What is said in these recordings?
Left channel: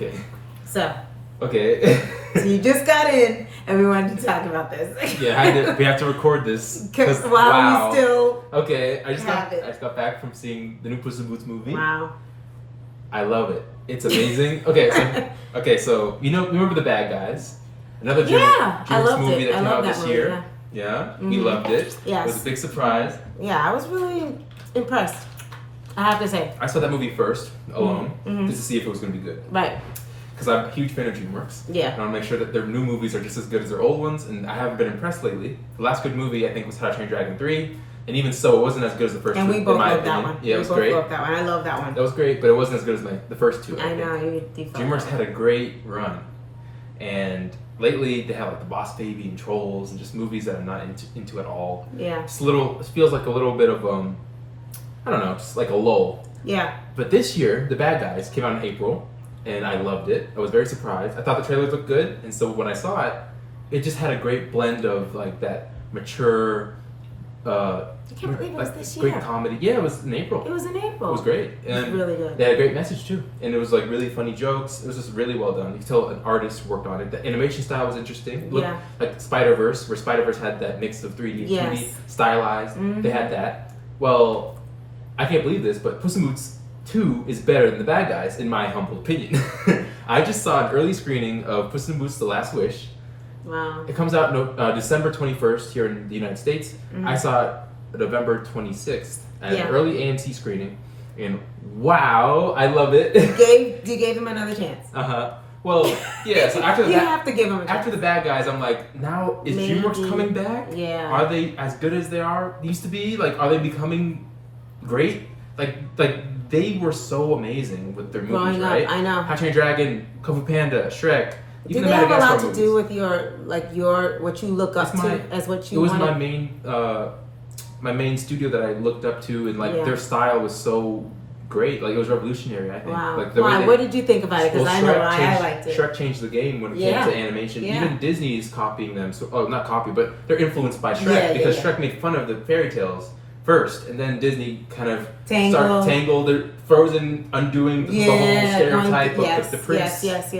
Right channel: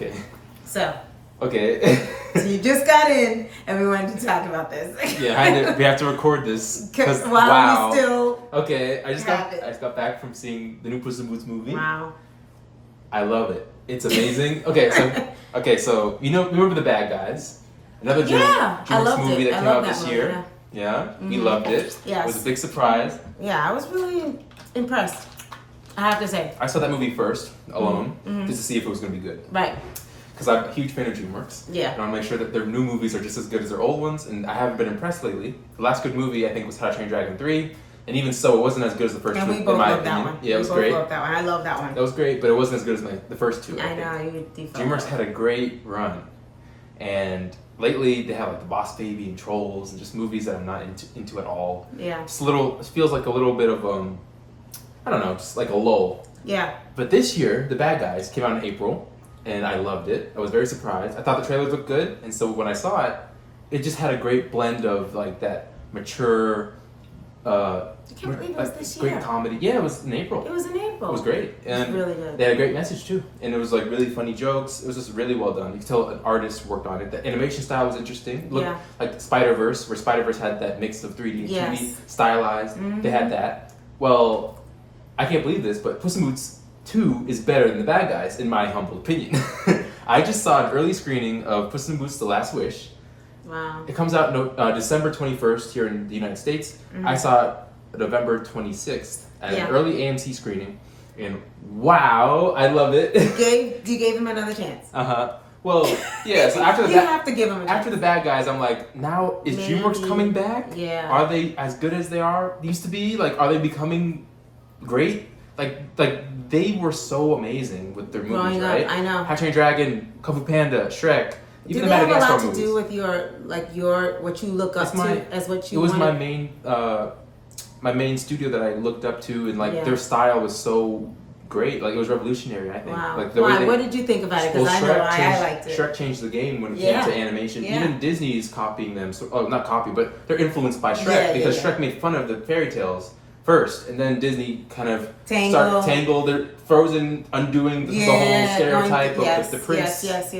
Okay. So. Okay. So you just got in, and we wanted to talk about this. Yeah, we have to record this. While we still. Okay, I just have it. got back from seeing the new Puss in Boots movie. Wow. I love it. It's amazing. So you remember The Bad Guys? Another Dreamworks movie that came out this year. Yeah. Mm-hmm. You loved it. Yes. It was a big surprise. Yeah, I was really impressed. I have to say. I saw that movie first, alone, just to see if it was going to be good. Right. Because I'm a huge fan of Dreamworks. Yeah. I want to make sure that their new movies are just as good as their old ones, and I haven't been impressed lately. The last good movie, I think, was How to Train Your Dragon 3, and even so, it wasn't as good as the first two, And we both in my loved opinion. that one. Yeah, it was great. We both loved that one. I love that one. That was great, but it wasn't as good as the first two, I know. You Dreamworks had a great run, and lately they have like The Boss Baby and Trolls, and just movies that I'm not into at all. Yeah. Just it feels like a little bit of, I don't know, just like a lull. Yeah. But this year, The Bad Guys came out in April, and I loved it. I was very surprised. I thought the trailers looked good, and so when I saw it, it just had a great blend of like that mature, I can't believe it was this great year. Comedy. Yeah, it was in April. It was in April. It was great. And it was really good. They had a great message too, and it was like really funny jokes. It was just really well done. You could tell an artist worked on it. The animation style was interesting. It looked like Spider-Verse, where Spider-Verse had that mix of 3D and 2D, stylized. Mm-hmm. They had that. Well, I can't believe this, but Puss in Boots 2 is better than The Bad Guys, in my humble opinion. I just saw an early screening of Puss in Boots: The Last Wish. Wow. It comes out December 21st here in the United States. Mm-hmm. I saw it November 26th at an Yeah. early AMC screening, and wow, I love it. You gave him another chance. Well, yeah. So after you have to give him a chance. after The Bad Guys, I'm like, now is Maybe. Dreamworks coming back? Yeah. Are they as good as they used to be? Like, are they becoming great? Like they were so amazing with their movies, Growing up, right? I know. How to Train Your Dragon, Kung Fu Panda, Shrek. Do they have a lot to do with your what you look up That's to as what you It was wanted? my main studio that I looked up to, and like their style was so great. Like it was revolutionary, I think. Wow. Like, Why? What did you think about it? Because I know I liked it. Shrek changed the game when it came to animation. Yeah. Even Disney is copying them. So, not copy, but they're influenced by Shrek because Shrek made fun of the fairy tales first, and then Disney kind of tangled. They're Frozen undoing the whole stereotype of the prince. Yes.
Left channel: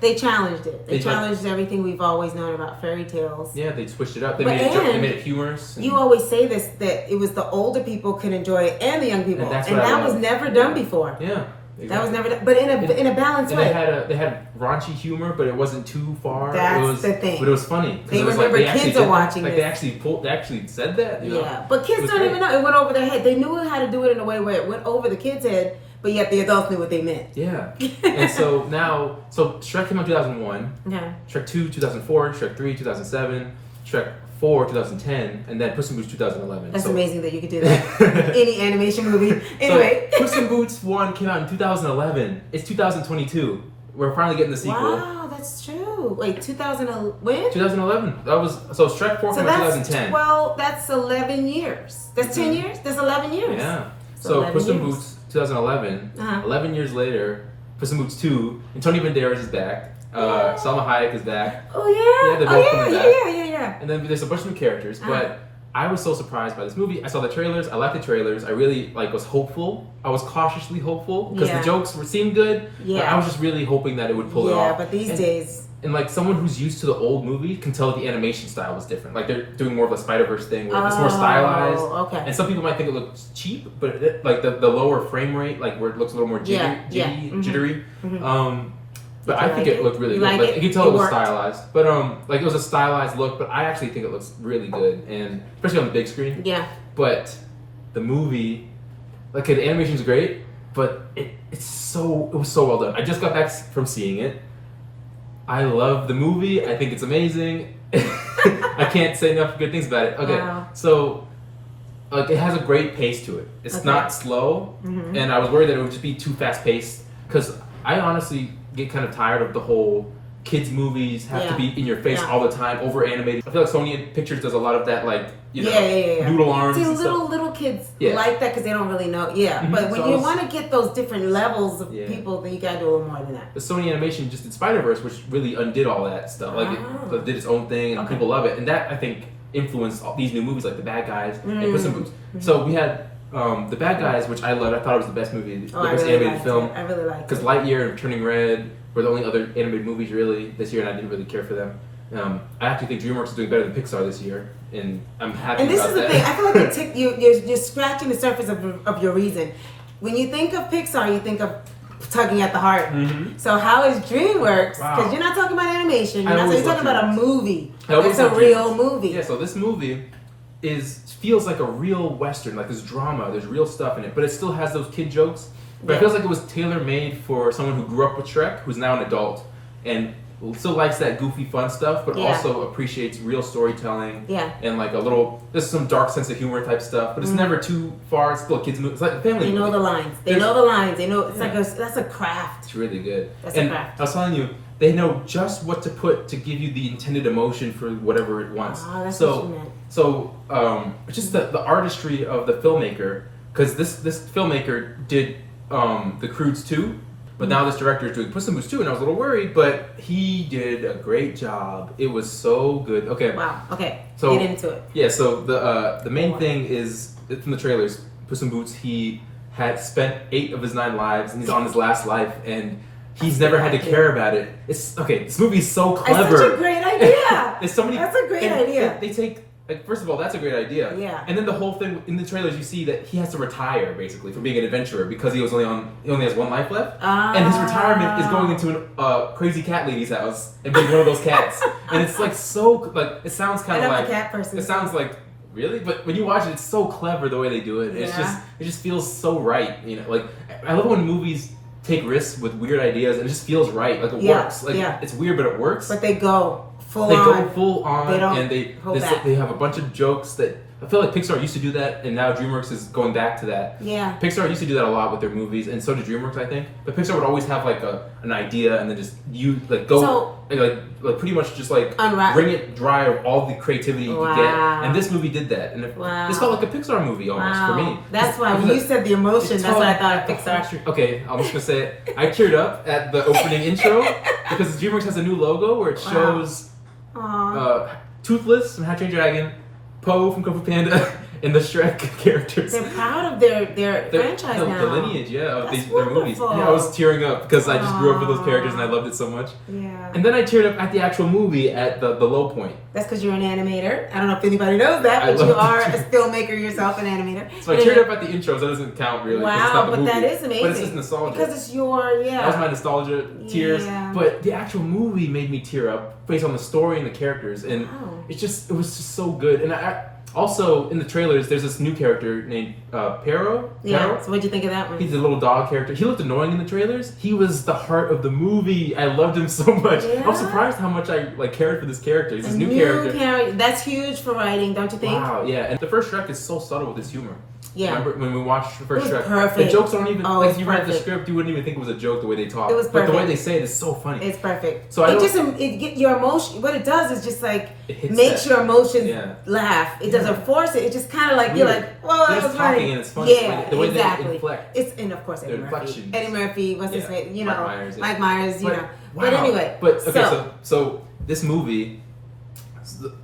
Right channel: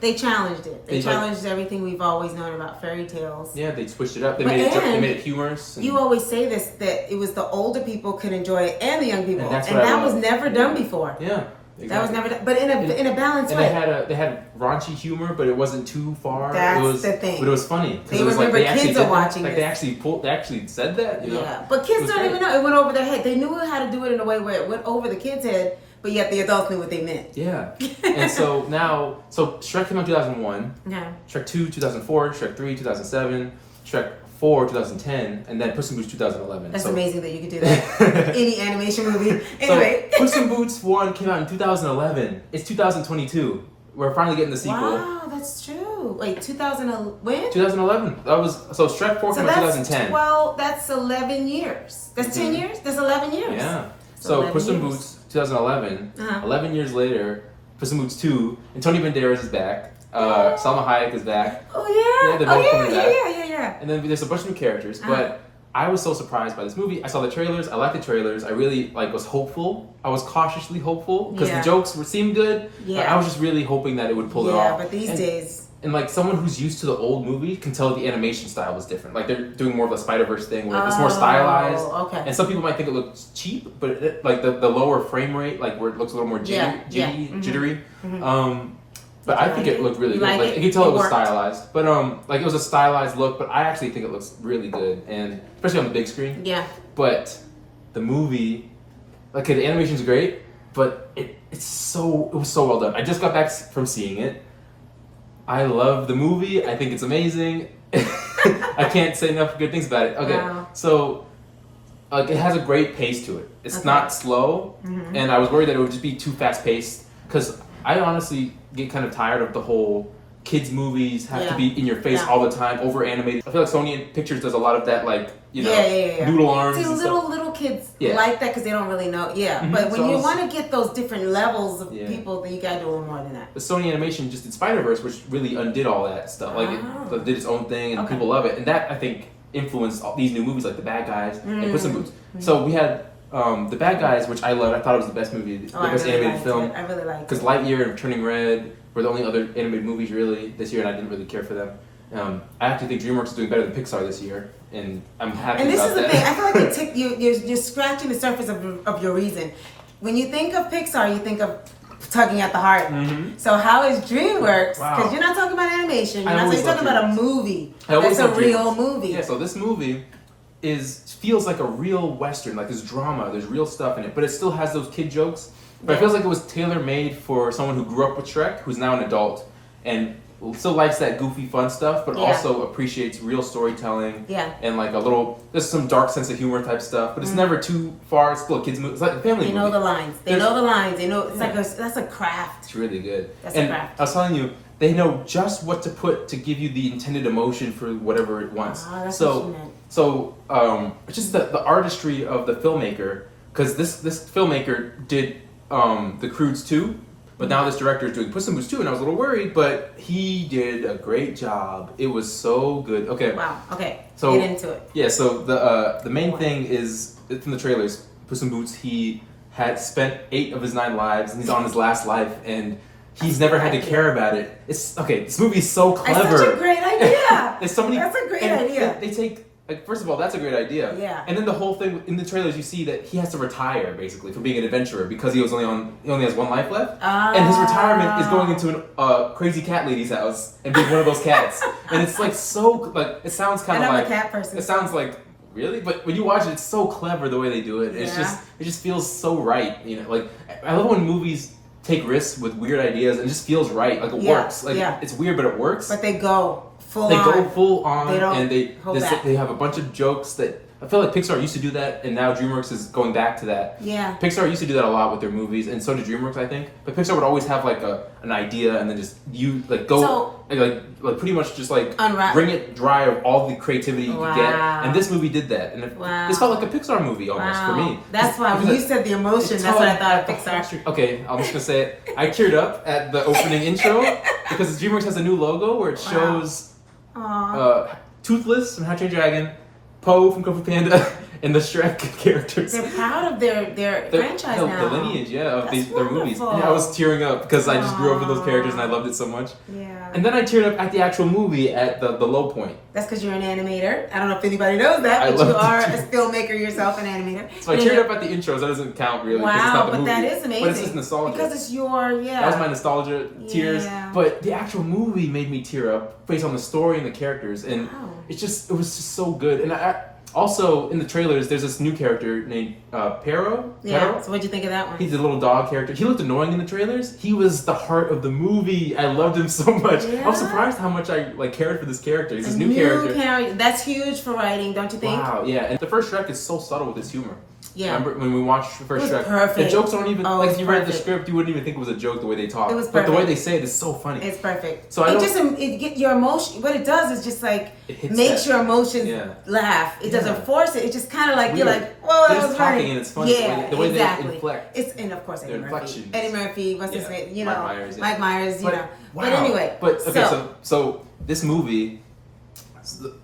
They challenged it. They challenged everything we've always known about fairy tales. Yeah, they switched it up. They made it humorous. You always say this, that it was the older people could enjoy it and the young people, and that was never done before. Yeah. Exactly. That was never done, but in a balanced way. They had raunchy humor, but it wasn't too far. That's the thing. But it was funny. They remember kids are watching it. They actually said that. You know? But kids don't even know. It went over their head. They knew how to do it in a way where it went over the kids' head, but yet the adults knew what they meant. Yeah. And so now, Shrek came out in 2001. Okay. Shrek 2, 2004. Shrek 3, 2007. Shrek 4, 2010, and then Puss in Boots 2011. That's amazing that you could do that. Any animation movie. Anyway. So Puss in Boots 1 came out in 2011. It's 2022. We're finally getting the sequel. Wow, that's true. Wait, 2011? When? 2011. That was Shrek 4 came out in 2010. Well, that's 11 years. That's 10 years? That's 11 years. Yeah. So Puss in Boots 2011. 11 years later, Puss in Boots 2, and Tony Banderas is back. Salma Hayek is back. Oh yeah. They're both coming back. Yeah. And then there's a bunch of new characters, but I was so surprised by this movie. I saw the trailers. I liked the trailers. I really was hopeful. I was cautiously hopeful because the jokes seemed good. Yeah. I was just really hoping that it would pull it off. Yeah, but these days. And like someone who's used to the old movie can tell the animation style was different. Like they're doing more of a Spider-Verse thing where it's more stylized. Okay. And some people might think it looks cheap, but the lower frame rate, like where it looks a little more jittery. But I think it looked really good. Like, you can tell it was stylized. But it was a stylized look, but I actually think it looks really good, and especially on the big screen. Yeah. But the movie, the animation's great, but it was so well done. I just got back from seeing it. I love the movie. I think it's amazing. I can't say enough good things about it. Okay. Wow. So it has a great pace to it. It's not slow, and I was worried that it would just be too fast paced because I honestly get kind of tired of the whole kids movies have to be in your face all the time, over animated. I feel like Sony Pictures does a lot of that, noodle arms. See, little kids like that because they don't really know. Yeah, but when you want to get those different levels of people, then you gotta do a little more than that. The Sony Animation just did Spider-Verse, which really undid all that stuff. It did its own thing, and people love it. And that I think influenced all these new movies like The Bad Guys and Puss in Boots. So we had The Bad Guys, which I loved. I thought it was the best movie, the best really animated film. I really liked it. Because Lightyear and Turning Red were the only other animated movies really this year, and I didn't really care for them. I actually think DreamWorks is doing better than Pixar this year, and I'm happy. And this about is the that. thing. I feel like you're scratching the surface of your reason. When you think of Pixar, you think of tugging at the heart. Mm-hmm. So how is DreamWorks? Because you're not talking about animation. You're talking about a movie. That's a real movie. Yeah. So this movie feels like a real Western. Like there's drama, there's real stuff in it, but it still has those kid jokes. But it feels like it was tailor made for someone who grew up with Shrek, who's now an adult, and still likes that goofy fun stuff, but also appreciates real storytelling. Yeah. And like there's some dark sense of humor type stuff, but it's never too far. It's still a kids movie. It's like a family movie. They know the lines. They know the lines. They know that's a craft. It's really good. That's a craft. I was telling you, they know just what to put to give you the intended emotion for whatever it wants. That's what you meant. So it's just the artistry of the filmmaker, because this filmmaker did The Croods 2. But now this director is doing Puss In Boots 2, and I was a little worried, but he did a great job. It was so good. Okay. Wow. Okay. So get into it. Yeah. So the main thing is from the trailers. Puss In Boots. He had spent 8 of his 9 lives, and he's on his last life, and he's never had to care about it. It's okay. This movie is so clever. It's such a great idea. There's so many. That's a great idea. They take. Like, first of all, that's a great idea. Yeah. And then the whole thing in the trailers, you see that he has to retire basically from being an adventurer because he only has 1 life left, and his retirement is going into a crazy cat lady's house and being one of those cats. And it's like it sounds kind of like a cat person. It sounds like really, but when you watch it, it's so clever the way they do it. Yeah. It just feels so right. You know, like I love when movies take risks with weird ideas and it just feels right. Like it works. Like it's weird, but it works. But they go. They go full on, and they have a bunch of jokes that I feel like Pixar used to do that, and now DreamWorks is going back to that. Yeah. Pixar used to do that a lot with their movies, and so did DreamWorks, I think. But Pixar would always have like an idea, and then just pretty much just like wring it dry of all the creativity you could get. And this movie did that, and it's felt like a Pixar movie almost for me. That's why when you said the emotion, that's what I thought of Pixar. Okay, I'm just gonna say it. I teared up at the opening intro because DreamWorks has a new logo where it shows. Toothless from How to Train Your Dragon, Po from Kung Fu Panda, and the Shrek characters. They're proud of their franchise now. The lineage, of That's their movies. Yeah, I was tearing up because I just grew up with those characters and I loved it so much. Yeah. And then I teared up at the actual movie at the low point. That's because you're an animator. I don't know if anybody knows that, but you are a filmmaker yourself, an animator. So I teared up at the intros. That doesn't count really. Wow, it's not the but movie. that is amazing. But it's just nostalgia. Because it's your, That was my nostalgia tears. Yeah. But the actual movie made me tear up based on the story and the characters. And it was just so good. And also, in the trailers, there's this new character named Pero. Yeah, so what'd you think of that one? He's a little dog character. He looked annoying in the trailers. He was the heart of the movie. I loved him so much. Yeah. I was surprised how much I cared for this character. He's this new character. That's huge for writing, don't you think? Wow, yeah. And the first Shrek is so subtle with his humor. Yeah. Remember when we watched the first Shrek? Perfect. The jokes aren't even like you read the script, you wouldn't even think it was a joke the way they talk. It was perfect. But the way they say it is so funny. It's perfect. So it get your emotion. What it does is just like makes your emotions laugh. It doesn't force it. It just kind of like you're like, whoa, that was funny. And it's funny. Yeah, the way exactly. they inflect. And of course Eddie Murphy. What's his name? You know, Mike Myers. You know. Wow. But anyway. But okay, so this movie,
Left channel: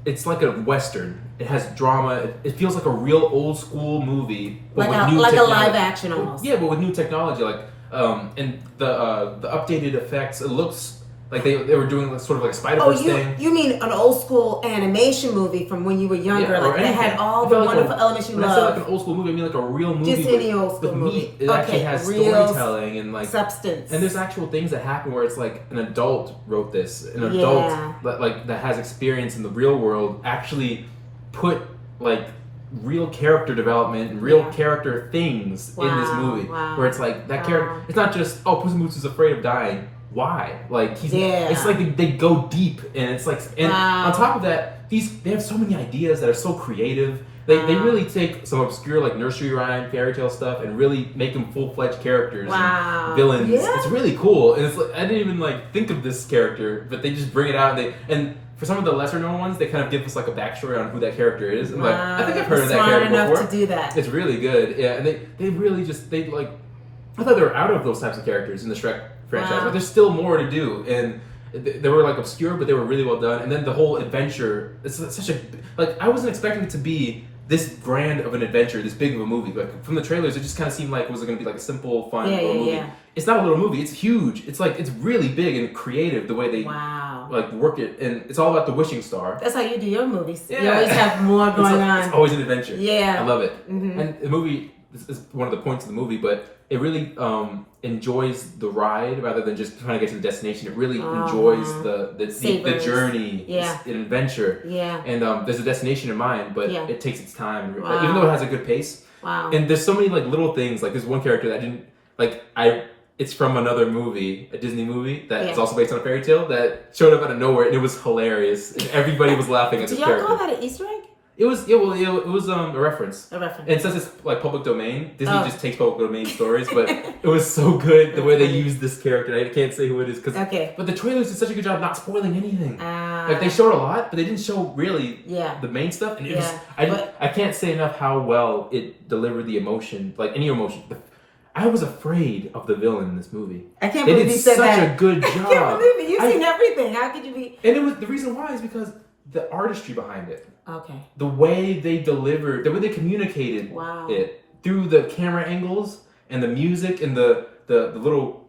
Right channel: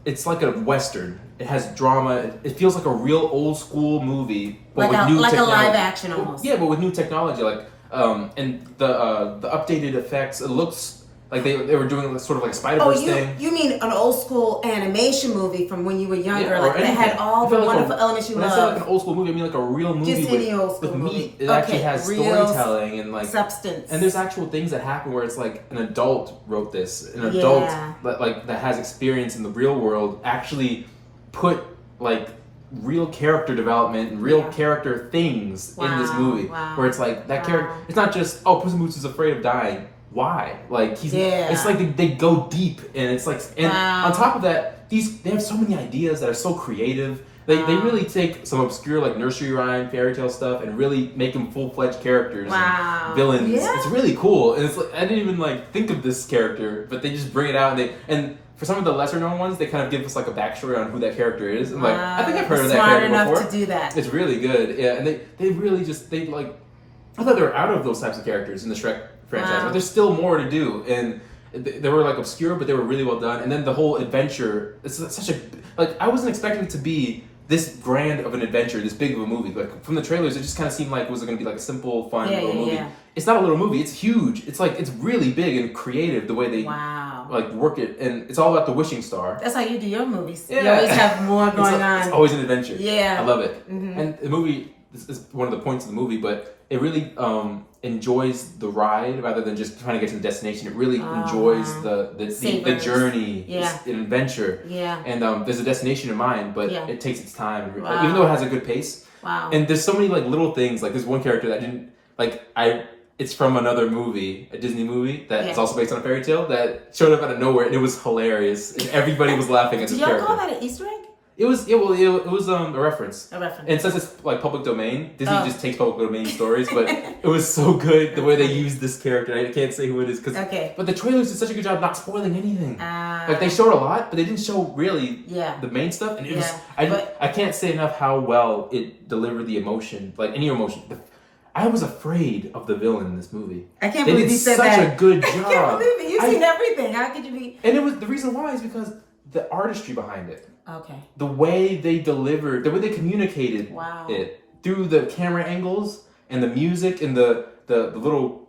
it's like a Western. It has drama. It feels like a real old school movie, but with new technology. A live action almost. Yeah, but with new technology, like and the updated effects. It looks like they were doing sort of like a Spider-Verse thing. You mean an old school animation movie from when you were younger, like that had all the wonderful elements you love. When I say like an old school movie, I mean like a real movie. Just any old school movie. It actually has storytelling and like substance. And there's actual things that happen where it's like an adult wrote this, an adult that has experience in the real world actually put like real character development and real character things in this movie. Where it's like that character. It's not just Puss in Boots is afraid of dying. Why? Like it's like they go deep, and it's like, and on top of that, they have so many ideas that are so creative. They really take some obscure like nursery rhyme, fairy tale stuff, and really make them full-fledged characters, and villains. Yeah. It's really cool, and it's like I didn't even like think of this character, but they just bring it out, and for some of the lesser known ones, they kind of give us like a backstory on who that character is, and like I think I've heard of that character before. Smart enough to do that. It's really good, yeah, and they really just like I thought they were out of those types of characters in the Shrek franchise, but there's still more to do, and they were like obscure, but they were really well done. And then the whole adventure, it's such a like I wasn't expecting it to be this grand of an adventure, this big of a movie. Like from the trailers, it just kind of seemed like it was going to be like a simple, fun little movie. Yeah. It's not a little movie. It's huge. It's like it's really big and creative the way they like work it, and it's all about the wishing star. That's how you do your movies. Yeah. You always have more going on. It's always an adventure. Yeah, I love it. Mm-hmm. And the movie is one of the points of the movie, but it really enjoys the ride rather than just trying to get to the destination. It really enjoys the journey. It's an adventure. Yeah. And there's a destination in mind, but it takes its time. Wow. Even though it has a good pace. Wow. And there's so many like little things. Like there's one character that I didn't like. It's from another movie, a Disney movie that is also based on a fairy tale that showed up out of nowhere, and it was hilarious. And everybody was laughing at this character. Did y'all call that an Easter egg? It was a reference. A reference. And since it's like public domain, Disney just takes public domain stories, but it was so good the way they used this character. I can't say who it is but the trailers did such a good job not spoiling anything. Like they showed a lot, but they didn't show really the main stuff. And it was I can't say enough how well it delivered the emotion, like any emotion. I was afraid of the villain in this movie. I can't believe you said that. They did such a good job. I can't believe it. You've seen everything. How could you be? And it was the reason why is because the artistry behind it. Okay. The way they delivered, the way they communicated it through the camera angles and the music and the little.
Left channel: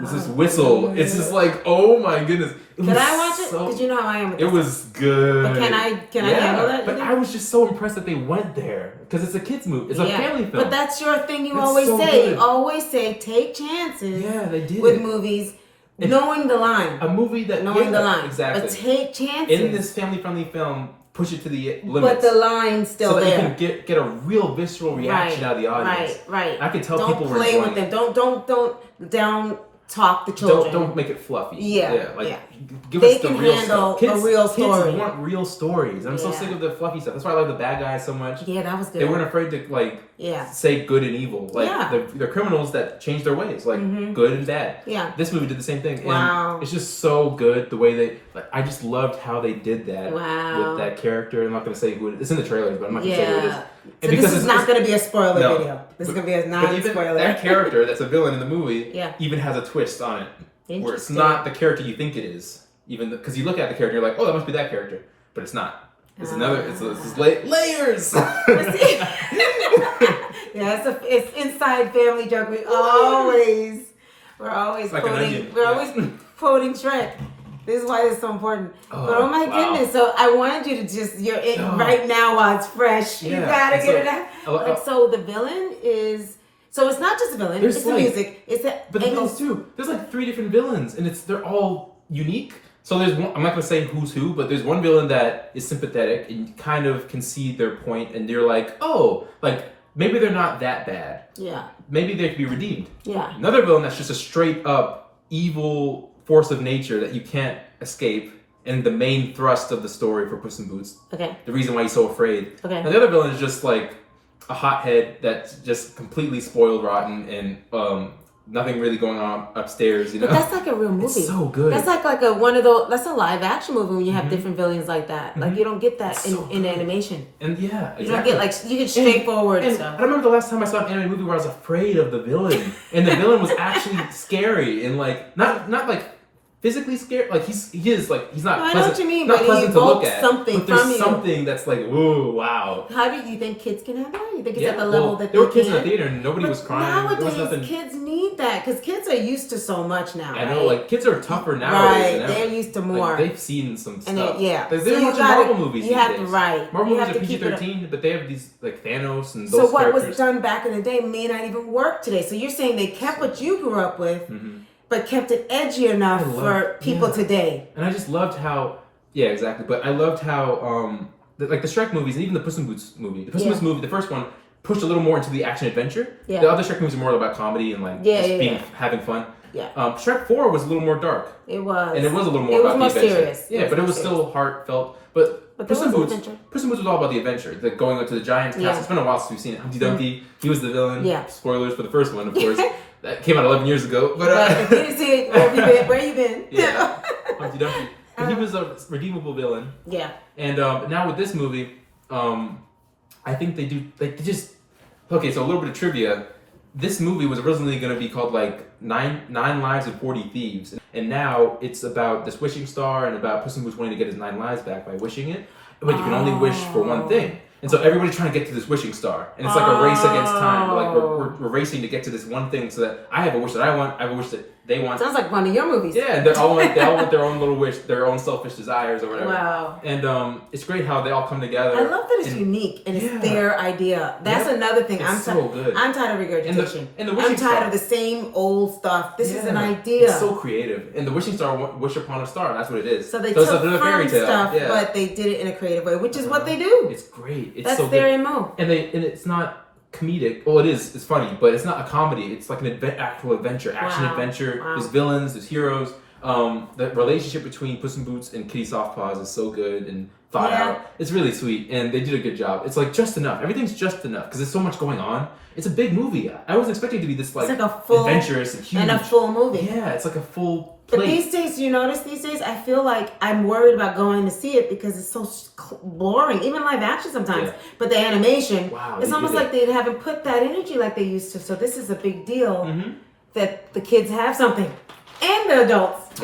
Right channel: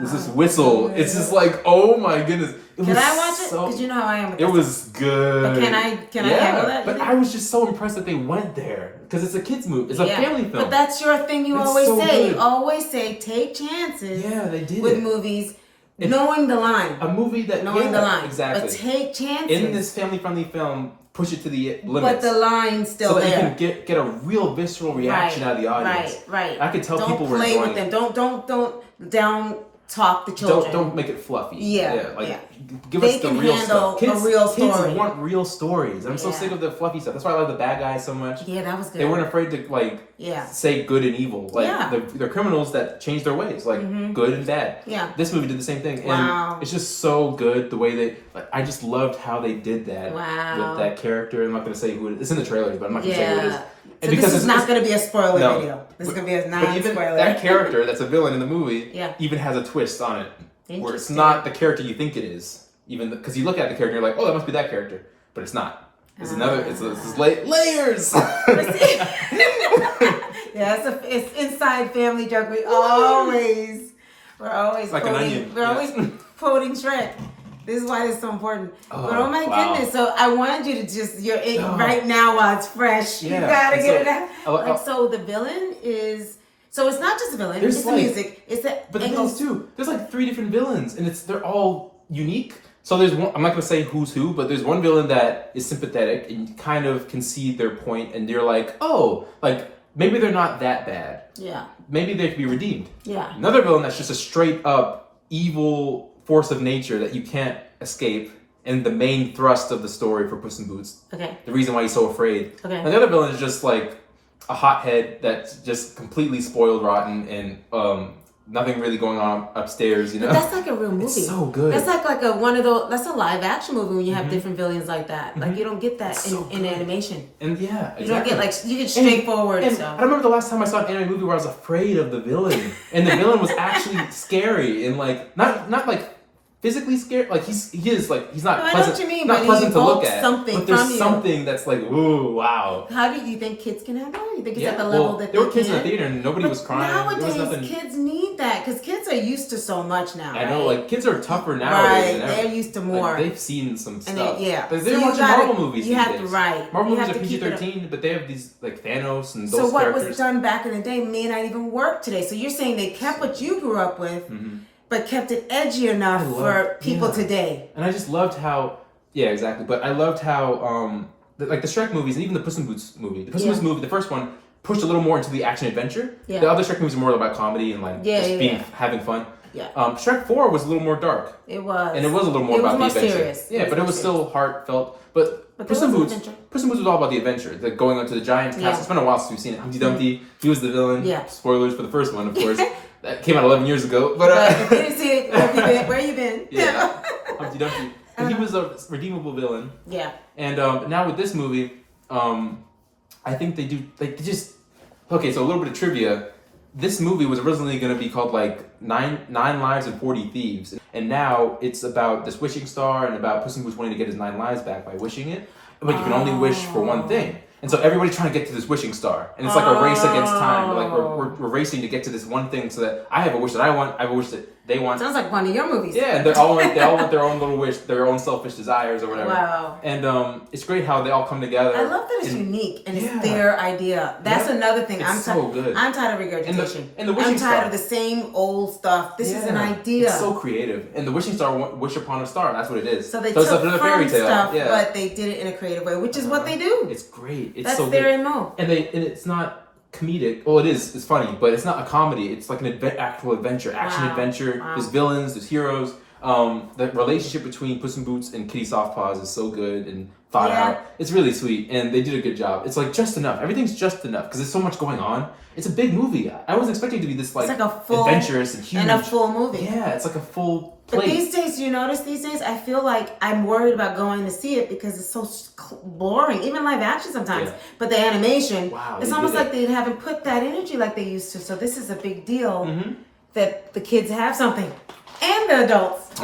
This whistle. It's just like, oh my goodness. Can I watch it? Because you know how I am with this. It was good. But can I handle that? But I was just so impressed that they went there. Because it's a kid's movie. It's a family film. But that's your thing you always say. Good. You always say take chances they did with movies. Knowing the line. A movie that... Knowing the line. Exactly. But take chances. In this family-friendly film, push it to the limits. But the line's still there. So that you can get a real visceral reaction out of the audience. Right. I could tell people were enjoying it. Don't down talk the children. Don't make it fluffy. Give they us the can real handle stuff. A real story. Kids want real stories. I'm so sick of the fluffy stuff. That's why I like the bad guys so much. Yeah, that was good. They weren't afraid to say good and evil. Like they're criminals that change their ways, like good and bad. Yeah. This movie did the same thing. Wow. And it's just so good the way they. I just loved how they did that with that character. I'm not going to say who it is. It's in the trailers, but I'm not going to say who it is. So this is not going to be a spoiler video. This is going to be a non-spoiler. That character that's a villain in the movie even has a twist on it. Where it's not the character you think it is. Even because you look at the character, you're like, oh, that must be that character. But it's not. It's another. It's layers. It's inside family joke. We're always like quoting. We're always quoting Shrek. This is why it's so important. Oh my goodness! So I wanted you to just right now while it's fresh. You gotta get it out. So the villain is. So it's not just a villain. It's the music. It's the but the things too. There's like 3 different villains, and they're all unique. So there's one. I'm not gonna say who's who, but there's one villain that is sympathetic and you kind of can see their point, and you're like, oh, like maybe they're not that bad. Yeah. Maybe they could be redeemed. Yeah. Another villain that's just a straight up evil force of nature that you can't escape, and the main thrust of the story for Puss in Boots. Okay. The reason why he's so afraid. Okay. And the other villain is just like a hothead that's just completely spoiled rotten and nothing really going on upstairs, you know. But that's like a real movie. It's so good. That's like that's a live action movie when you have different villains like that. Like you don't get that in animation. And exactly. You don't get you get straightforward stuff. I remember the last time I saw an anime movie where I was afraid of the villain, and the villain was actually scary and like not like physically scared, like he's not pleasant. I know what you mean, not pleasant to look at. But there's something that's like, ooh, wow. How do you think kids can have that? You think it's at the level that there were kids in the theater and nobody was crying. Nowadays, kids need that because kids are used to so much now. I know, like kids are tougher nowadays. Right, they're used to more. Like, they've seen some stuff. They're watching Marvel movies. You have to Marvel movies are PG-13, but they have these like Thanos and those. So what was done back in the day may not even work today. So you're saying they kept what you grew up with. But kept it edgy enough for people today. And I just loved how, exactly. But I loved how, like the Shrek movies and even the Puss in Boots movie. The Puss in Boots movie, the first one, pushed a little more into the action adventure. Yeah. The other Shrek movies are more about comedy and like having fun. Yeah. Shrek 4 was a little more dark. It was. And it was a little more about the adventure. Serious. Yeah, but it was still heartfelt. But Puss in Boots was all about the adventure, like going onto the giant castle. It's been a while since we've seen it. Humpty Dumpty, he was the villain. Yeah. Spoilers for the first one, of course. That came out 11 years ago. But if you didn't see it, where have you been? Yeah. Humpty Dumpty. But he was a redeemable villain. Yeah. And now with this movie, I think they do, like, they just... Okay, so a little bit of trivia. This movie was originally going to be called, like, Nine Lives and 40 Thieves. And now it's about this wishing star and about Puss in Boots wanting to get his 9 lives back by wishing it. but you can only wish for one thing. And so everybody's trying to get to this wishing star. And it's like a race against time. Like we're racing to get to this one thing so that I have a wish that I want, I have a wish that they want. Sounds like one of your movies. Yeah, they all want their own little wish, their own selfish desires or whatever. Wow. And it's great how they all come together. I love that it's unique and it's their idea. That's another thing. It's so good. I'm tired of regurgitation. And the I'm tired of the same old stuff. This is an idea. It's so creative. And the wishing star, wish upon a star, that's what it is. So they took it's like from fairy tale. stuff, but they did it in a creative way, which is what they do. It's great. It's that's so their good. MO. And it's not comedic. Well, it is. It's funny, but it's not a comedy. It's like an actual adventure, action adventure. Wow. There's villains. There's heroes. The relationship between Puss in Boots and Kitty Softpaws is so good and thought out. It's really sweet, and they did a good job. It's like just enough. Everything's just enough because there's so much going on. It's a big movie. I wasn't expecting it to be this like a full, adventurous and huge. And a full movie. Yeah, it's like a full plate. But these days, you notice these days, I feel like I'm worried about going to see it because it's so boring. Even live action sometimes. Yeah. But the animation, it's almost like they haven't put that energy like they used to. So this is a big deal that the kids have something. And the adults.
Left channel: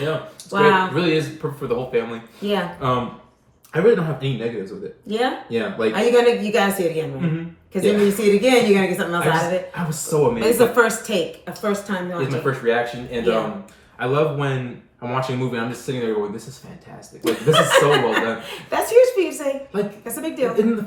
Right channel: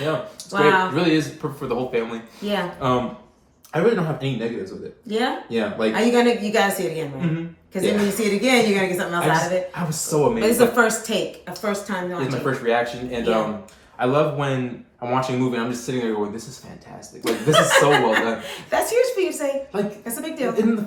Yeah. It's great. It really is perfect for the whole family. Yeah. I really don't have any negatives with it. Yeah? Yeah. Like, you gotta see it again, right? Because then when you see it again, you're gonna get something else out of it. I was so amazed. But it's a first take, a first time watching. It's my first reaction. And I love when I'm watching a movie and I'm just sitting there going, this is fantastic. Like, this is so well done. That's huge for you to say. Like, that's a big deal. The end of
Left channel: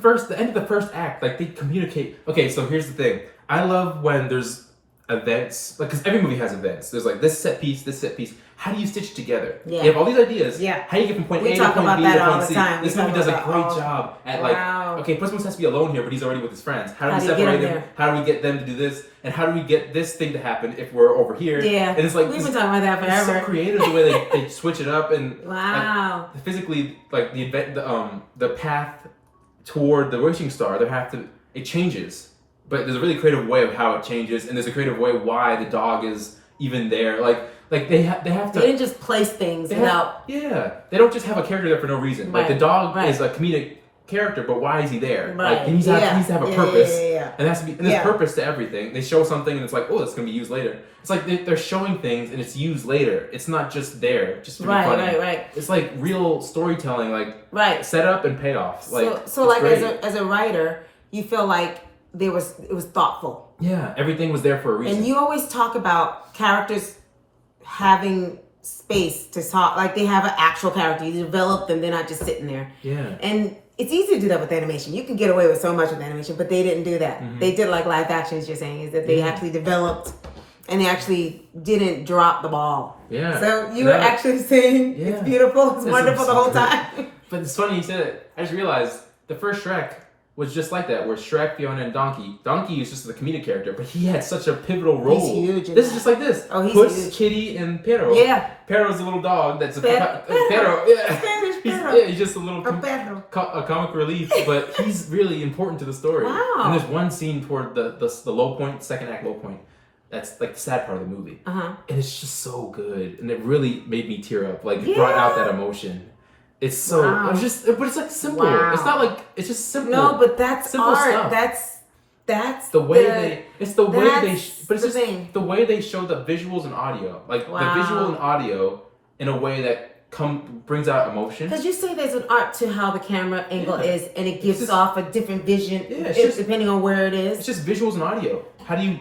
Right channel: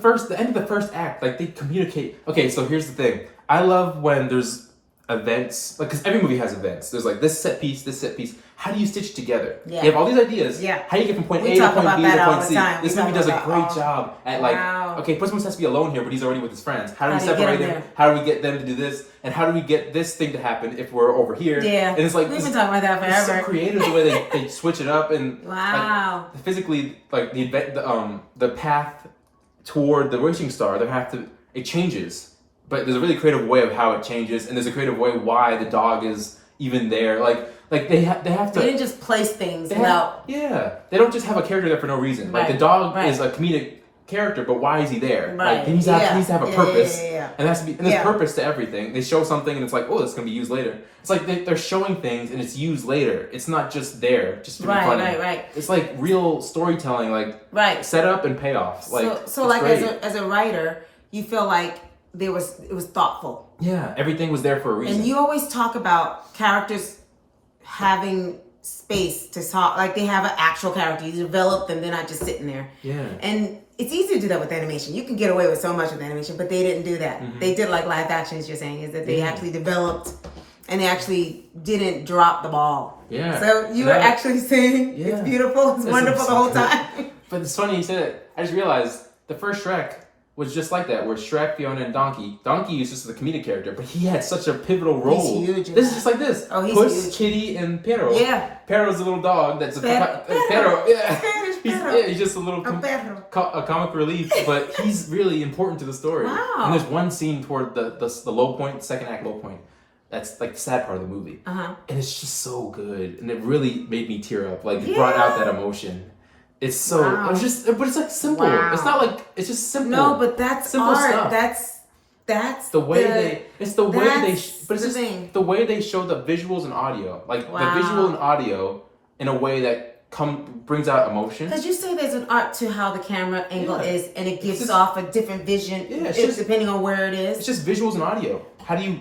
the first act, like, they communicate. Okay, so here's the thing. I love when there's events, like, because every movie has events. There's like this set piece, this set piece. How do you stitch together? Yeah. They have all these ideas. Yeah. How do you get from point we A to point B to point C? Time. This movie does a great job at like, okay, Puss in Boots has to be alone here, but he's already with his friends. How do we separate them? How do we get them to do this? And how do we get this thing to happen if we're over here? Yeah. And it's like we've been talking about that forever. It's so creative the way they switch it up and like, physically like the path toward the wishing star. It changes. But there's a really creative way of how it changes, and there's a creative way why the dog is even there. Like they have to. They didn't just place things without. They don't just have a character there for no reason. Like the dog is a comedic character, but why is he there? Right. Like he needs to have a purpose, and there has to be there's purpose to everything. They show something, and it's like, oh, that's gonna be used later. It's like they're showing things, and it's used later. It's not just there, just to be funny. Right. It's like real storytelling, like setup and payoff. Like so like as a writer, you feel like. It was thoughtful. Yeah, everything was there for a reason. And you always talk about characters having space to talk, like they have an actual character. You develop them; they're not just sitting there. Yeah. And it's easy to do that with animation. You can get away with so much with animation, but they didn't do that. They did like live action. As you're saying, is that they actually developed, and they actually didn't drop the ball. Yeah. So you were actually saying it's beautiful, it's wonderful the whole time. But it's funny you said it. I just realized the first Shrek was just like that, where Shrek, Fiona, and Donkey. Donkey is just the comedic character, but he had such a pivotal role. He's huge. This is just like this. Oh, he's Puss, huge. Kitty, and Pero. Yeah. Pero's a little dog that's a Pero. Yeah. He's just a little comic relief, but he's really important to the story. Wow. And there's one scene toward the low point, second act low point. That's like the sad part of the movie. And it's just so good, and it really made me tear up. Like it brought out that emotion. It's so but it's like simple. It's not like it's just simple. No, but that's simple art. Stuff. That's the way the way they show the visuals and audio. Like the visual and audio in a way that brings out emotion. Because you say there's an art to how the camera angle is, and it gives off a different vision depending on where it is. It's just visuals and audio. How do you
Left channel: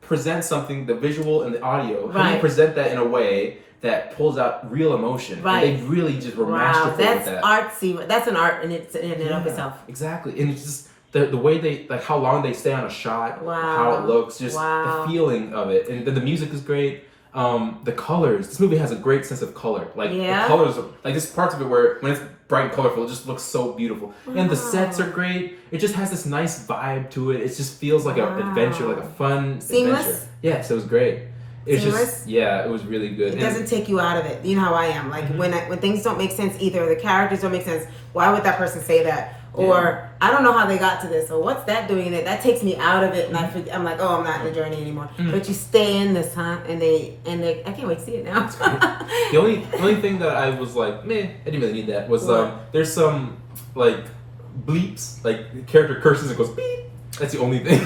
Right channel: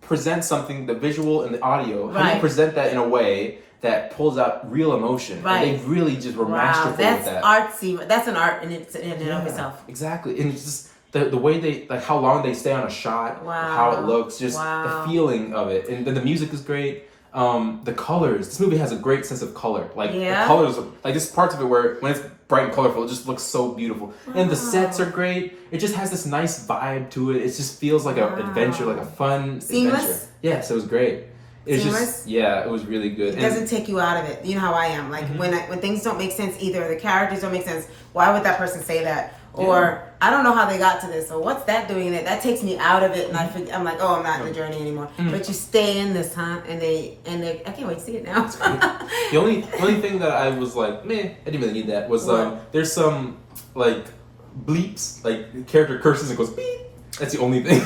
present something, the visual and the audio? How do you present that in a way that pulls out real emotion? Right. And they really just were masterful with that. That's artsy. That's an art in and of itself. Exactly. And it's just the way they, like how long they stay on a shot, how it looks, just the feeling of it. And the music is great. The colors. This movie has a great sense of color. Like the colors, like there's parts of it where when it's bright and colorful, it just looks so beautiful. And the sets are great. It just has this nice vibe to it. It just feels like an adventure, like a fun adventure. Yes, it was great. It's just it was really good. It doesn't take you out of it. You know how I am. Like when things don't make sense either, the characters don't make sense. Why would that person say that? Or I don't know how they got to this. Or what's that doing in it? That takes me out of it, and I'm like, oh, I'm not in the journey anymore. But you stay in this, huh? And they I can't wait to see it now. The only thing that I was like, meh, I didn't really need that was there's some like bleeps, like the character curses and goes beep. That's the only thing.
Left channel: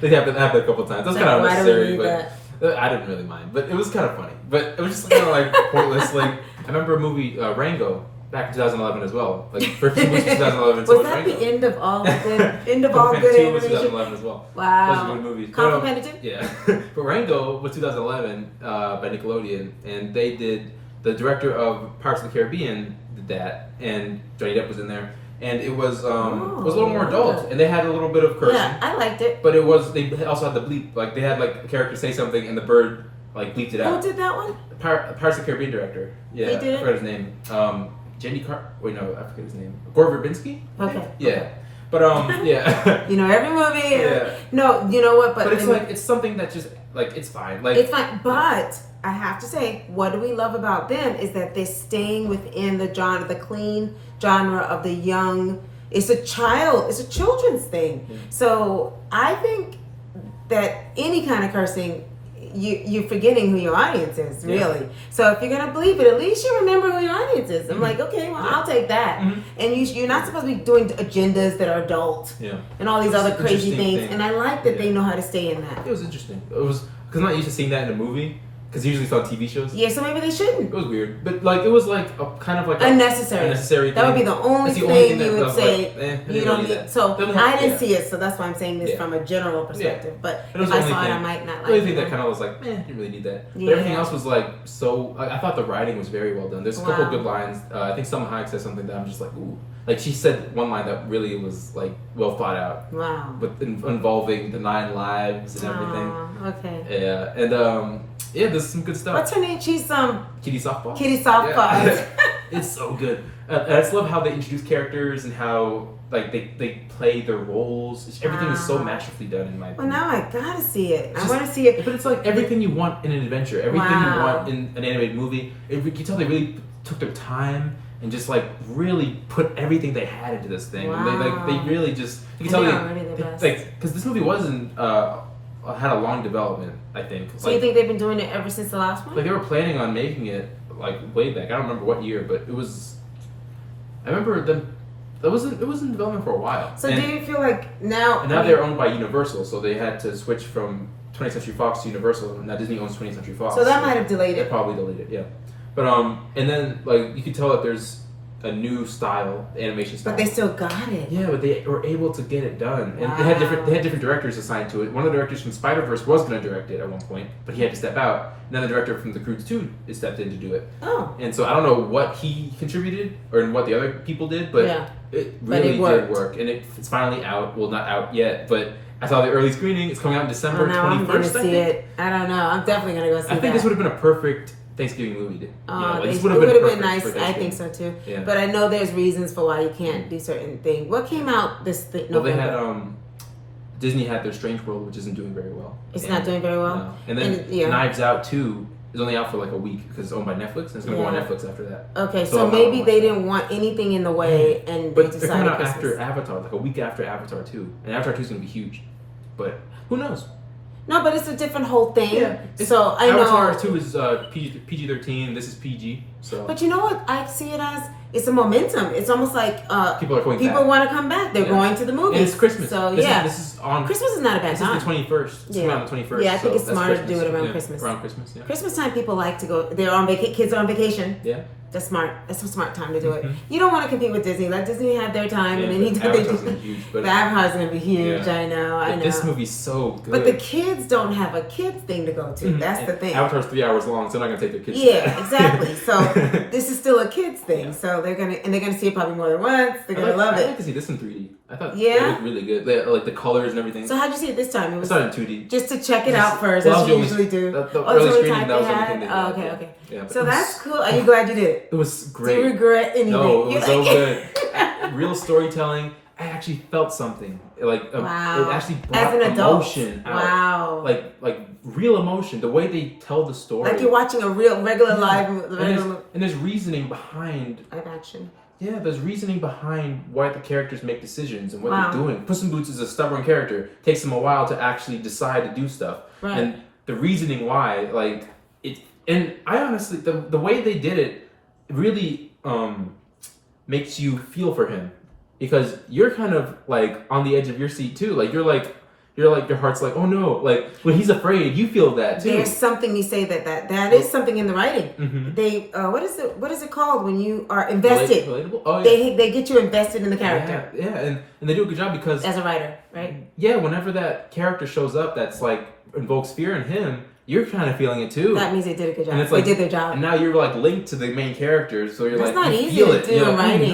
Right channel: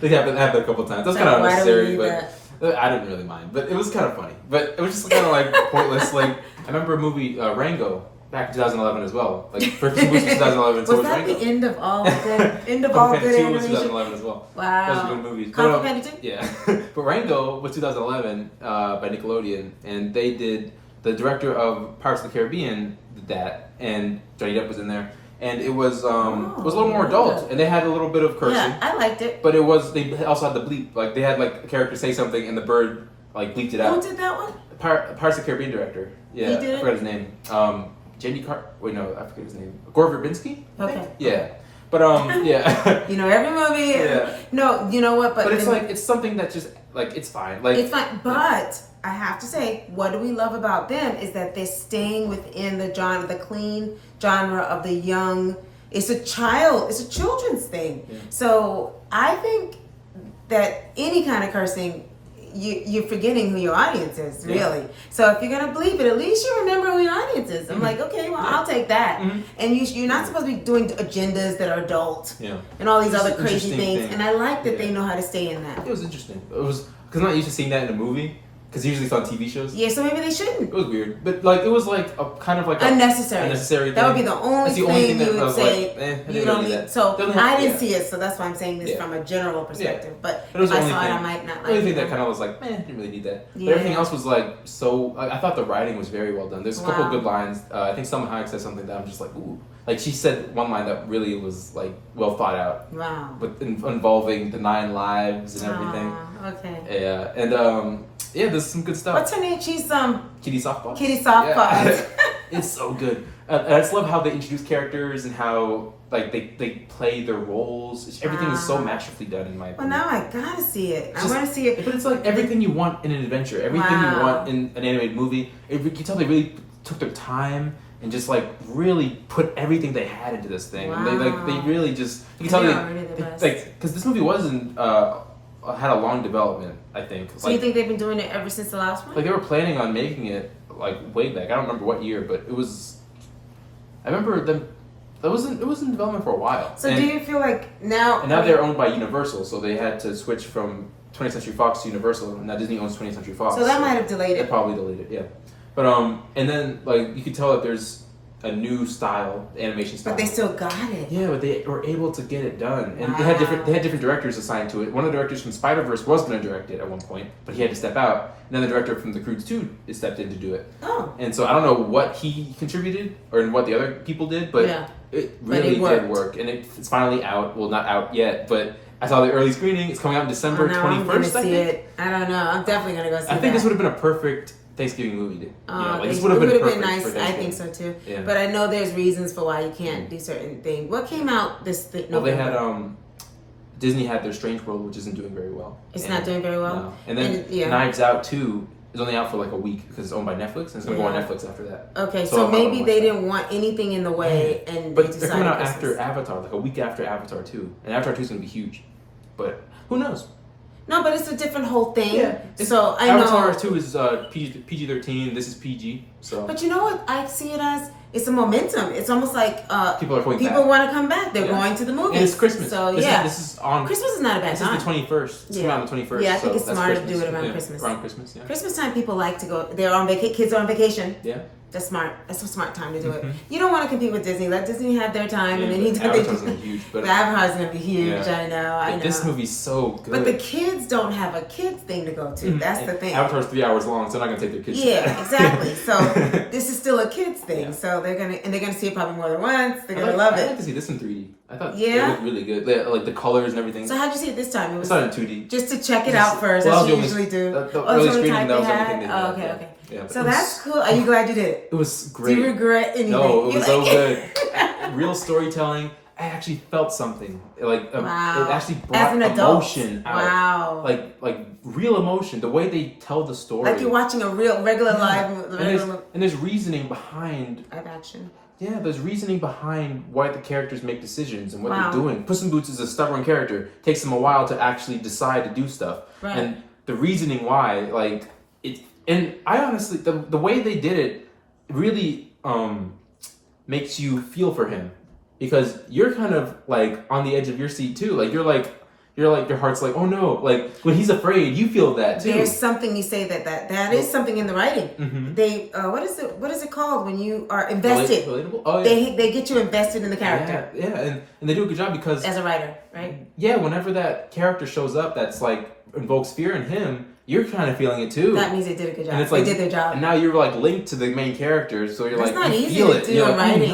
They happened a couple times. That's kind of unnecessary, but. I didn't really mind, but it was kind of funny. But it was just kind of like pointless. Like I remember a movie Rango back in 2011 as well. Like Puss in Boots 2011. Was that the end of all good animation? Was 2011 as well. Wow. Those are good movies. Kung Fu Panda 2? Yeah. But Rango was 2011 by Nickelodeon, and they did the director of Pirates of the Caribbean did that, and Johnny Depp was in there. And it was a little more adult, and they had a little bit of cursing. Yeah, I liked it. But they also had the bleep. Like they had like a character say something, and the bird like bleeped it out. Who did that one? Pirates of the Caribbean director. Yeah, he did I forgot his name. J.D. Wait, no, I forget his name. Gore Verbinski? Okay. Yeah. But yeah. You know every movie. Yeah. No, you know what? But it's like it's something that just like it's fine. Like it's fine. But I have to say, what do we love about them is that they're staying within the genre, the clean genre of the young. It's a children's thing. Yeah. So I think that any kind of cursing, you're forgetting who your audience is, really. Yeah. So if you're gonna bleep it, at least you remember who your audience is. I'm like, okay, well, I'll take that. And you're not supposed to be doing agendas that are adult and all these other crazy things. And I like that they know how to stay in that. It was interesting. It was because I'm not used to seeing that in a movie. Because usually it's on TV shows. Yeah, so maybe they shouldn't. It was weird, but like it was like a kind of like unnecessary. Thing. That would be the only thing you would say. Like, you don't need. So I didn't see it, so that's why I'm saying this from a general perspective. But if I saw it, I might not like it. The only thing that kind of was like, didn't really need that. But everything else was like so. I thought the writing was very well done. There's a couple of good lines. I think Selma Hayek said something that I'm just like, ooh. Like she said one line that really was like well thought out. Wow. With involving the 9 lives and everything. Okay. Yeah, and yeah, there's some good stuff. What's her name? She's Kitty Softpaws. Kitty Softpaws. Yeah. It's so good. And I just love how they introduce characters and how like they play their roles. Everything is so masterfully done in my opinion. Well, now I gotta see it. I want to see it. But it's like everything you want in an adventure, everything you want in an animated movie. You can tell they really took their time and just like really put everything they had into this thing. Wow. And they really just you can tell because this movie wasn't had a long development, I think. So you think they've been doing it ever since the last one? Like they were planning on making it like way back. I don't remember what year, but it was. I remember it was in development for a while. So do you feel like now? And now they're owned by Universal, so they had to switch from 20th Century Fox to Universal. Now Disney owns 20th Century Fox. So that might have delayed it. That probably delayed it, yeah. But and then like you could tell that there's a new style, animation style. But they still got it. Yeah, but they were able to get it done, and they had different directors assigned to it. One of the directors from Spider-Verse was going to direct it at one point, but he had to step out. And then the director from The Croods 2 stepped in to do it. Oh. And so I don't know what he contributed or what the other people did, but it really did work, and it's finally out. Well, not out yet, but I saw the early screening. It's coming out in December 21st. I'm going to see it. I don't know. I'm definitely going to go see it. I think this would have been a perfect Thanksgiving movie. This would have been nice. I think so too. Yeah. But I know there's reasons for why you can't do certain things. What came out this November? Well, they had Disney had their Strange World, which isn't doing very well. It's not doing very well. No. And then Knives Out 2 is only out for like a week because it's owned by Netflix, and it's gonna go on Netflix after that. Okay, so maybe they didn't want anything in the way, and but they decided they're coming out after Avatar, like a week after Avatar 2, and Avatar 2 is gonna be huge. But who knows? No, but it's a different whole thing. Yeah. So I Avatar know 2 is PG-13. This is PG. So. But you know what I see it as? It's a momentum. It's almost like people want to come back. They're going to the movies. And it's Christmas. So this is on. Christmas is not a bad time. This is the 21st. It's coming out on the 21st. Yeah, I think it's smarter to do it around Christmas. Around Christmas. Yeah. Christmas time, people like to go. They're on vacation. Kids are on vacation. Yeah. That's smart. That's a smart time to do it. You don't want to compete with Disney. Let Disney have their time, and then he do huge. But Avatar's gonna be huge. I know. This movie's so good. But the kids don't have a kids thing to go to. That's the thing. Avatar's 3 hours long, so they're not gonna take their kids. Yeah, exactly. So this is still a kids thing. Yeah. So they're gonna see it probably more than once. They're gonna love it. I'd like to see this in 3D. I thought it looked really good. Like the colors and everything. So how'd you see it this time? I saw it in 2D. Just to check it out first, as you usually do. The early screening, that was the only thing they did. Oh, okay. Yeah, so that's cool. Are you glad you did it? It was great. Do you regret anything? No, it was so good. Real storytelling. I actually felt something. Like it actually brought as an adult. Emotion out. Wow. Like real emotion. The way they tell the story. Like you're watching a regular live movie. And there's reasoning behind. I got you. Yeah, there's reasoning behind why the characters make decisions and what they're doing. Puss in Boots is a stubborn character. Takes him a while to actually decide to do stuff. Right. And the reasoning why, like it. And I honestly, the way they did it really makes you feel for him, because you're kind of like on the edge of your seat too. Like you're you're like, your heart's like, oh no, like when he's afraid, you feel that too. There's something you say that is something in the writing. Mm-hmm. They what is it called when you are invested? Relatable? Oh, yeah. They get you invested in the character. Yeah, and they do a good job because as a writer, right? Yeah, whenever that character shows up, that's like invokes fear in him. You're kind of feeling it too. That means they did a good job. And it's like, they did their job. And now you're like linked to the main characters, so you're That's like, not you easy feel to it. do in writing.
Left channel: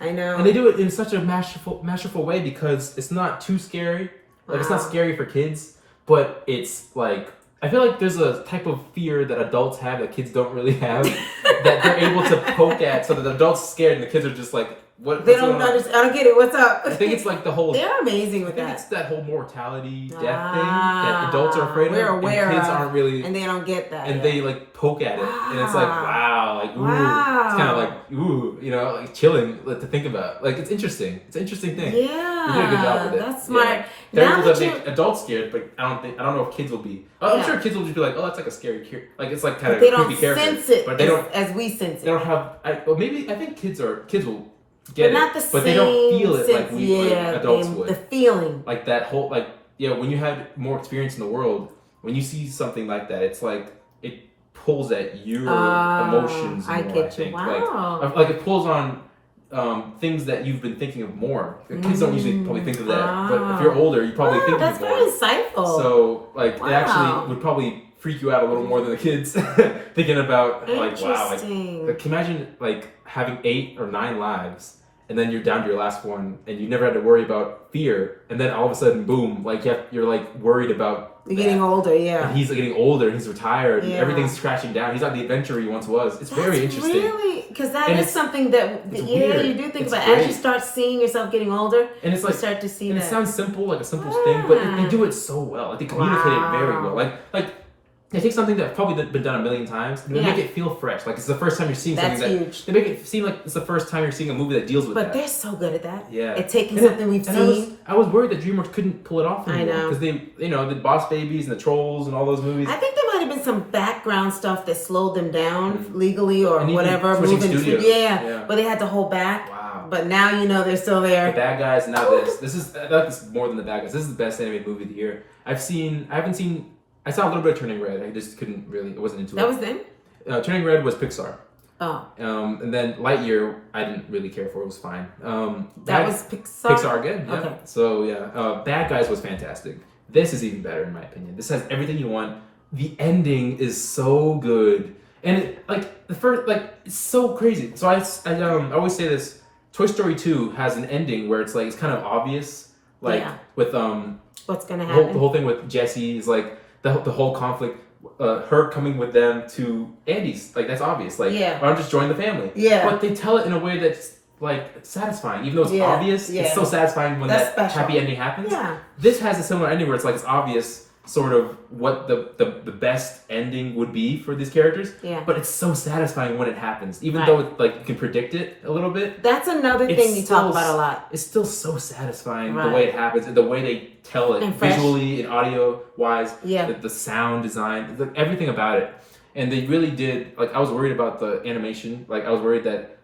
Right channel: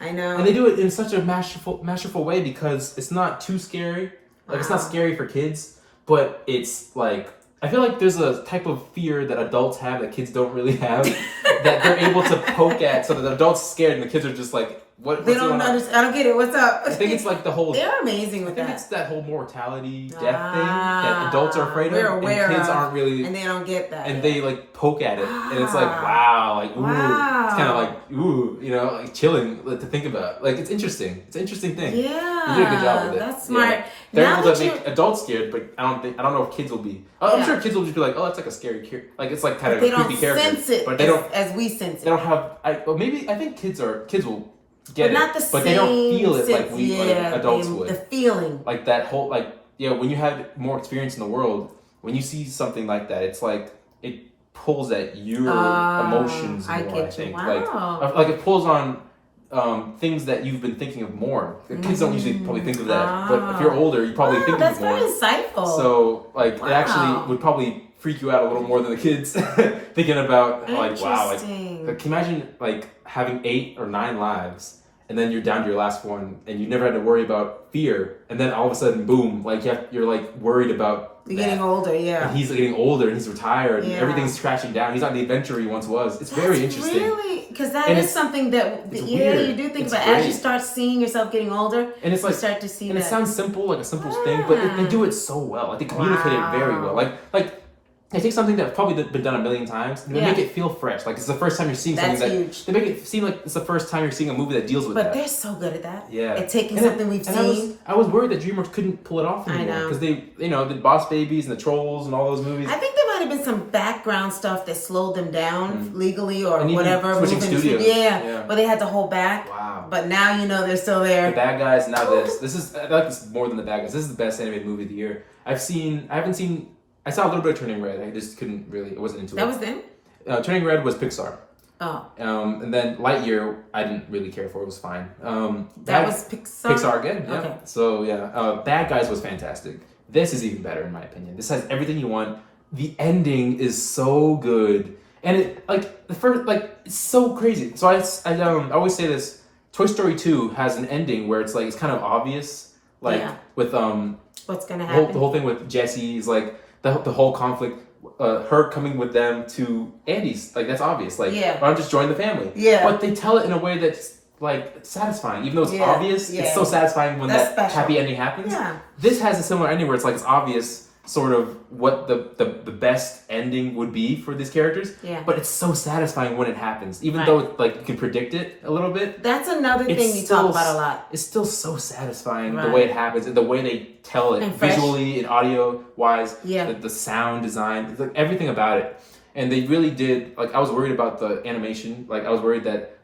I know. And they do it in such a masterful way because it's not too scary. Like it's not scary for kids, but it's like I feel like there's a type of fear that adults have that kids don't really have that they're able to poke at, so that the adults are scared and the kids are just like, what? They don't understand. I don't get it. What's up? I think it's like the whole. They're amazing with that. It's that whole mortality, death thing that adults are afraid we're of, aware and kids of, aren't really, and they don't get that. And they like poke at it, and it's like wow, like ooh, it's kind of like ooh, you know, like chilling to think about. Like it's interesting. It's an interesting thing. Yeah, you did a good job with it. That's smart. Yeah. They're able to make adults scared, but I don't know if kids will be. I'm sure kids will just be like, oh, that's like a scary character. Like it's like kind of a creepy character. They don't sense it, but they don't as we sense it. They don't have. Maybe I think kids will get but it, not the but same they don't feel it sense, like we like adults would. The feeling, like that whole when you have more experience in the world, when you see something like that, it's like it pulls at your emotions more. I think. Wow. Like it pulls on things that you've been thinking of more. The kids don't usually probably think of that, but if you're older, you probably think of it more. That's very insightful. So like it actually would probably freak you out a little more than the kids thinking about like wow, like imagine like having 8 or 9 lives. And then you're down to your last one, and you never had to worry about fear. And then all of a sudden, boom! Like you're like worried about. You're getting older, yeah. And he's getting older, and he's retired, and everything's crashing down. He's not the adventurer he once was. It's very interesting. Really, because that is something that you do think about as you start seeing yourself getting older. And it's like you start to see and that. It sounds simple, like a simple thing, but they do it so well. Like they communicate it very well. Like. They take something that's probably been done a million times and they make it feel fresh. Like it's the first time you're seeing something huge. They make it seem like it's the first time you're seeing a movie that deals with that. But they're so good at that. Yeah. At taking something we've seen. I was worried that Dreamworks couldn't pull it off anymore. I know. Because they, the Boss Babies and the Trolls and all those movies. I think there might have been some background stuff that slowed them down legally or whatever. Yeah. But they had to hold back. Wow. But now they're still there. The Bad Guys, now this is, I like this more than The Bad Guys. This is the best animated movie of the year. I saw a little bit of Turning Red. I just couldn't really, I wasn't into it. That was them? Turning Red was Pixar. Oh. And then Lightyear, I didn't really care for. It was fine. That was Pixar? Pixar again, yeah. Okay. So, yeah. Bad Guys was fantastic. This is even better, in my opinion. This has everything you want. The ending is so good. And it, it's so crazy. So I always say this. Toy Story 2 has an ending where it's kind of obvious. With, what's going to happen? The whole thing with Jesse's, the whole conflict, her coming with them to Andy's, that's obvious. Why don't just join the family? Yeah. But they tell it in a way that's satisfying, even though it's obvious. Yeah. It's so satisfying when that's that happy ending happens. Yeah. This has a similar ending where it's obvious, sort of what the best ending would be for these characters. Yeah. But it's so satisfying when it happens, even though you can predict it a little bit. That's another thing you talk about a lot. It's still so satisfying the way it happens and the way they tell it visually and audio wise. Yeah. The sound design, everything about it. And they really did. I was worried about the animation. I was worried that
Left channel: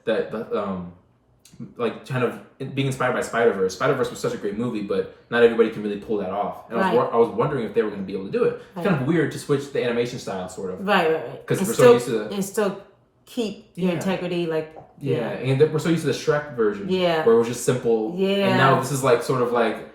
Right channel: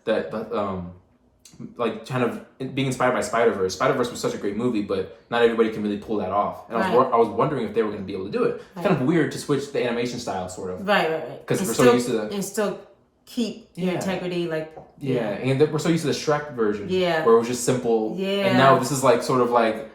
kind of being inspired by Spider-Verse. Spider-Verse was such a great movie, but not everybody can really pull that off. And I was wondering if they were going to be able to do it. It's kind of weird to switch the animation style, sort of. Right. Because we're so used to and still keep your integrity, and we're so used to the Shrek version, where it was just simple. Yeah. And now this is it's more like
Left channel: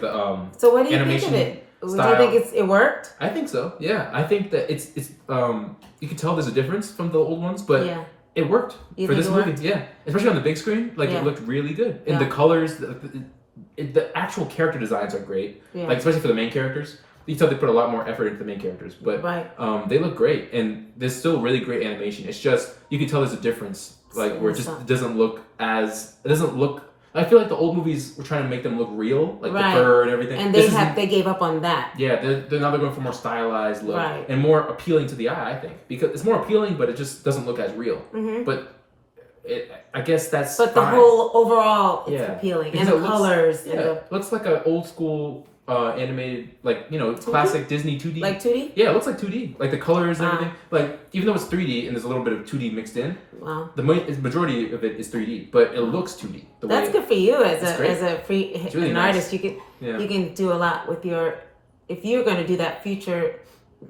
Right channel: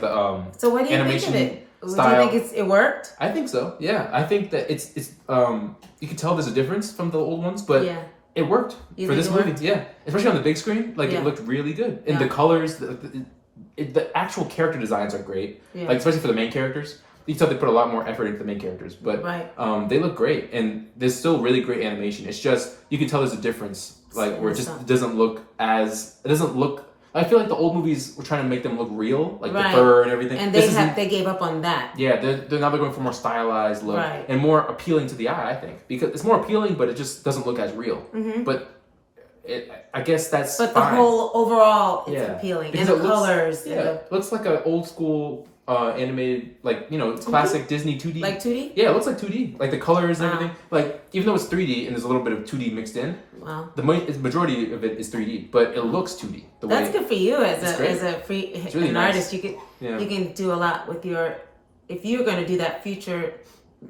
the So what do you think of it? Style. Do you think it worked? I think so. Yeah, I think that it's you can tell there's a difference from the old ones, but. Yeah. It worked for this movie, especially on the big screen. It looked really good, and the colors, the actual character designs are great. Yeah. Especially for the main characters, you can tell they put a lot more effort into the main characters. But they look great, and there's still really great animation. It's just you can tell there's a difference, where it just doesn't look. I feel like the old movies were trying to make them look real, the fur and everything. And they gave up on that. Yeah, they're now going for more stylized look and more appealing to the eye, I think. Because it's more appealing, but it just doesn't look as real. Mm-hmm. But I guess that's But fine. The whole overall, it's appealing. Because and the colors. It looks like an old school animated, like, classic Disney 2D. Like 2D? Yeah, it looks like 2D. Like the colors and everything. Like, even though it's 3D and there's a little bit of 2D mixed in, the majority of it is 3D, but it looks 2D. That's good for you as really an nice. artist. You can do a lot with your, if you're going to do that future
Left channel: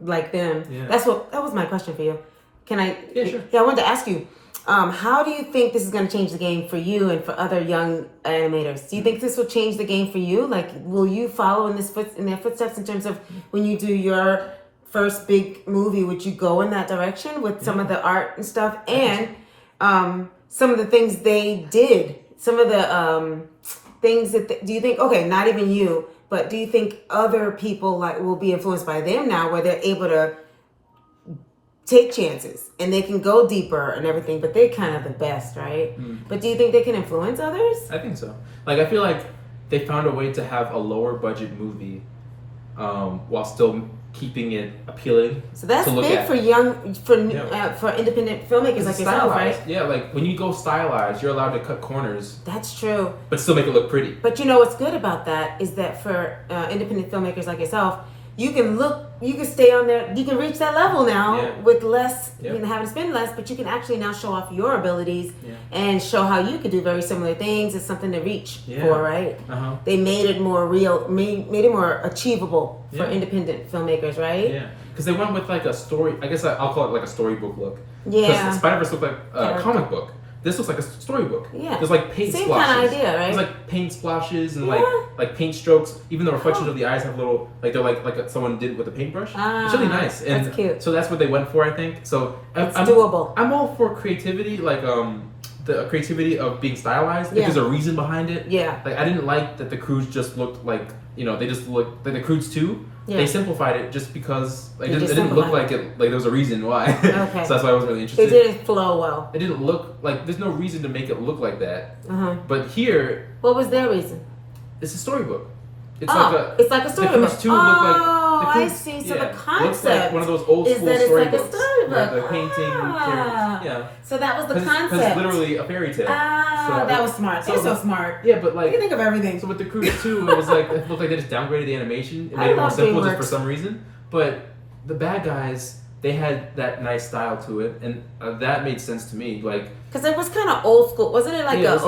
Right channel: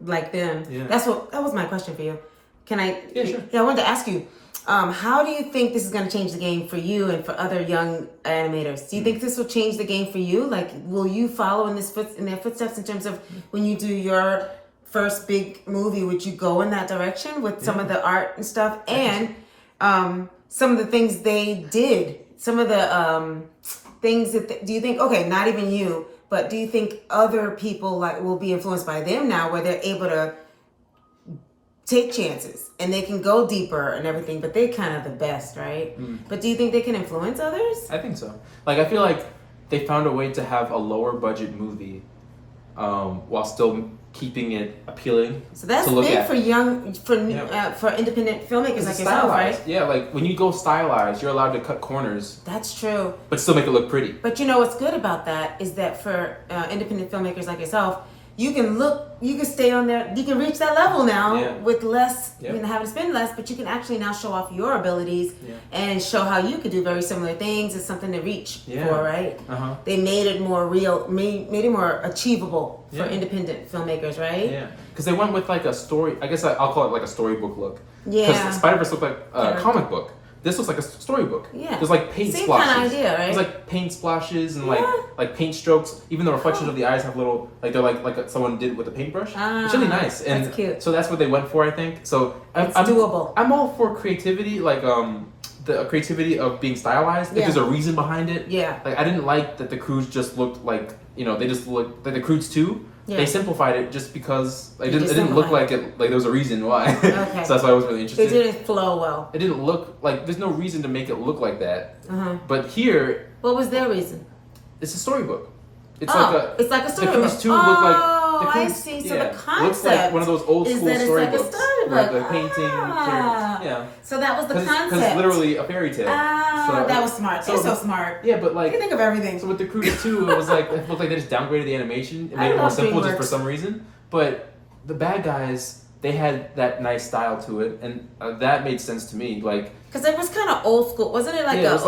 like them. Yeah. That was my question for you. Can I? Yeah, sure. Yeah, I wanted to ask you. How do you think this is going to change the game for you and for other young animators? Do you think this will change the game for you? Like, will you follow in their footsteps in terms of when you do your first big movie? Would you go in that direction with some of the art and stuff, and some of the things they did? Some of the things that do you think? Okay, not even you, but do you think other people will be influenced by them now, where they're able to take chances and they can go deeper and everything, but they're kind of the best, right? But do you think they can influence others? I think so. Like, I feel like they found a way to have a lower budget movie while still keeping it appealing. So that's big for for independent filmmakers like yourself, right? Yeah, like when you go stylized, you're allowed to cut corners. That's true. But still make it look pretty. But what's good about that is that for independent filmmakers like yourself, you can stay on there, you can reach that level now with less, having to spend less, but you can actually now show off your abilities and show how you could do very similar things. It's something to reach for, right? They made it more real, made it more achievable for independent filmmakers, right? Yeah, because they went with like a story, I guess I'll call it like a storybook look. Yeah. Because Spider-Verse looked like a comic book. This looks like a storybook. Yeah. There's like paint Same splashes. kind of idea, right? There's like paint splashes and like paint strokes. Even the reflections of the eyes have little, like they're like someone did with a paintbrush. It's really nice. And that's cute. So that's what they went for, I think. So it's doable. I'm all for creativity, like the creativity of being stylized. Like there's a reason behind it. Yeah. Like I didn't like that the Croods just looked like, they just looked like the Croods too. Yeah. They simplified it just because it didn't look like it. Like there was a reason why. Okay. So that's why I wasn't really interested. It didn't flow well. It didn't look like there's no reason to make it look like that. But here, what was their reason? It's a storybook. It's like a storybook. The Croods too look like. I see. So the concept looks like one of those old school is that storybooks. It's like a storybook. The painting. So that was the concept. Because it's literally a fairy tale. That was smart. They're so smart. Yeah, but like you can think of everything. So with the Croods too, it was like it looked like they just downgraded the animation and made it more simple just for some reason. But the bad guys, they had that nice style to it, and that made sense to me. Like. Because it was kind of old school, wasn't it? Like a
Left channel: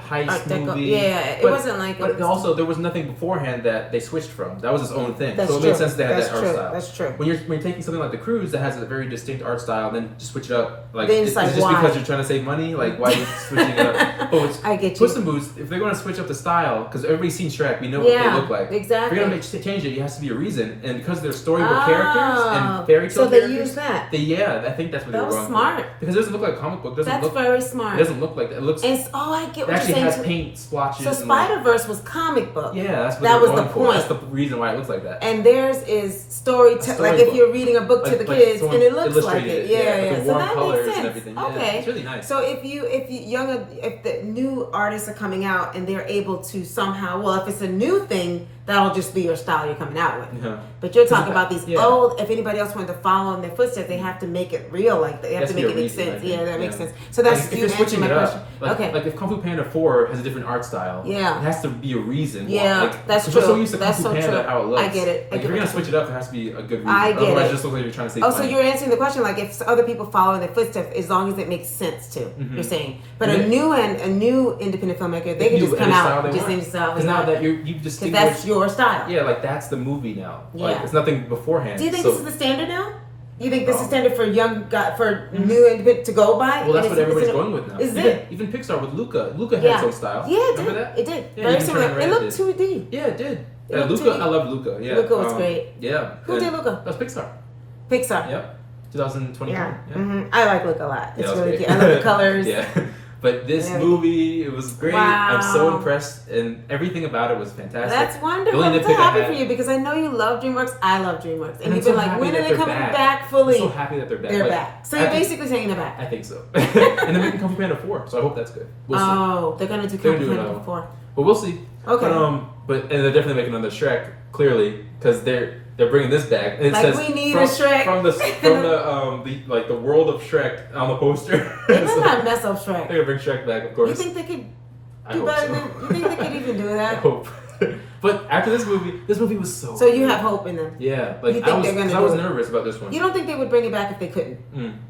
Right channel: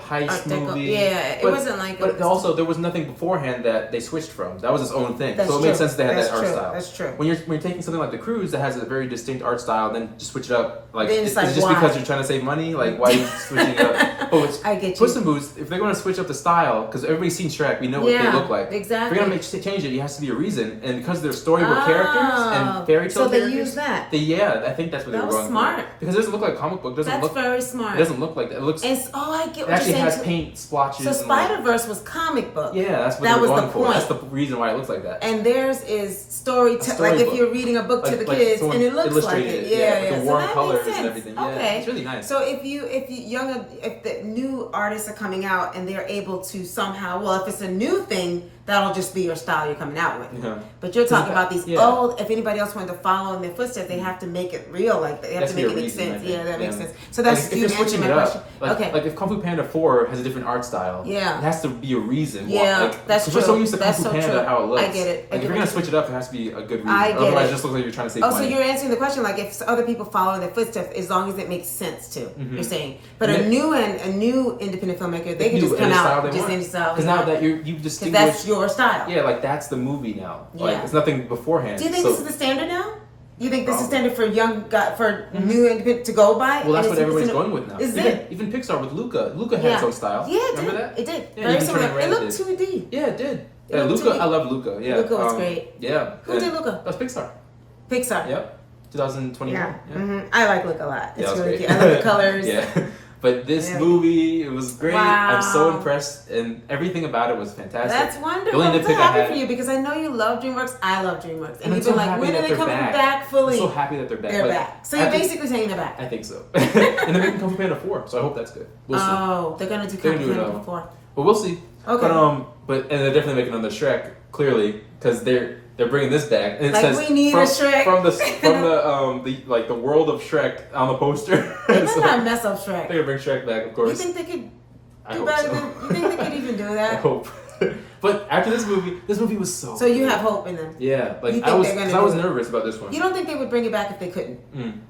heist movie. Yeah, it wasn't like. But also, there was nothing beforehand that they switched from. That was its own thing. That's so it made sense they had that art style. That's true. When you're taking something like The Cruise that has a very distinct art style, and then just switch it up, like then is it just because you're trying to save money? Like why are you switching it up? But I get you. Puss in Boots, if they're going to switch up the style, because everybody's seen Shrek, we know what they look like. Exactly. If you're going to change it, it has to be a reason, and because they're storybook characters and fairy tale characters, so they use that. I think that's what they were going for. That was smart. Because it doesn't look like a comic book. That's very smart. It doesn't look like that. It looks. I get what you're saying. It actually has paint splotches. So Spider-Verse was comic book. Yeah, that's what that was going the for. point. That's the reason why it looks like that. And theirs is like if you're reading a book to the kids, and it looks like it. Yeah. The so warm that colors makes and sense. everything. Okay, yeah, it's really nice. So if the new artists are coming out and they're able to somehow, if it's a new thing, that'll just be your style you're coming out with. Yeah. But you're talking about these old. If anybody else wanted to follow in their footsteps, they have to make it real. Like they have to make it make sense. Yeah, that makes sense. So that's you answering my question. Okay. Like if Kung Fu Panda 4 has a different art style, it has to be a reason. Yeah, that's true. We're so used to Kung That's Fu Panda how it looks. I get it. Like if you're gonna switch it up, there has to be a good reason. I get Otherwise, it. it just looks like you're trying to save money. So you're answering the question like if other people follow in their footsteps, as long as it makes sense to. You're saying, but a new independent filmmaker, they can just come out just any style. Because now that you just because that's your style. Yeah, like that's the movie now. Yeah. Like it's nothing beforehand. Do you think this is the standard now? You think this is standard for new independent to go by? Well, that's what everybody's going with now. Is it? Even Pixar with Luca. Luca had its own style. Yeah, it Remember did. that? It did. Yeah, very similar. It looked 2D. Yeah, it did. It Luca, 2D. I love Luca. Yeah. Luca was great. Yeah. Who did Luca? That's Pixar. Pixar. Yep. 2021. Yeah. Yeah. Mm-hmm. I like Luca a lot. It's really great. cute. I love the colors. Yeah. But this movie, it was great. Wow. I'm so impressed, and everything about it was fantastic. That's wonderful. I'm so happy for you because I know you love DreamWorks. I love DreamWorks, and you've been like, when are they coming back fully? I'm so happy that they're back. They're back. So you're basically saying they're back. I think so. And they're making Kung Fu Panda 4, so I hope that's good. We'll see. Oh, they're gonna do Kung Fu Panda 4. But we'll see. Okay. And they're definitely making another Shrek, clearly, because they're bringing this back. And it like says we need a Shrek from the world of Shrek on the poster. They better not mess up Shrek. They're gonna bring Shrek back, of course. You think they could I do hope better so. than? You think they could even do that? I hope. But after this movie was so. So you have hope in them. Yeah, like you think they're gonna I was nervous about this one. You don't think they would bring it back if they couldn't,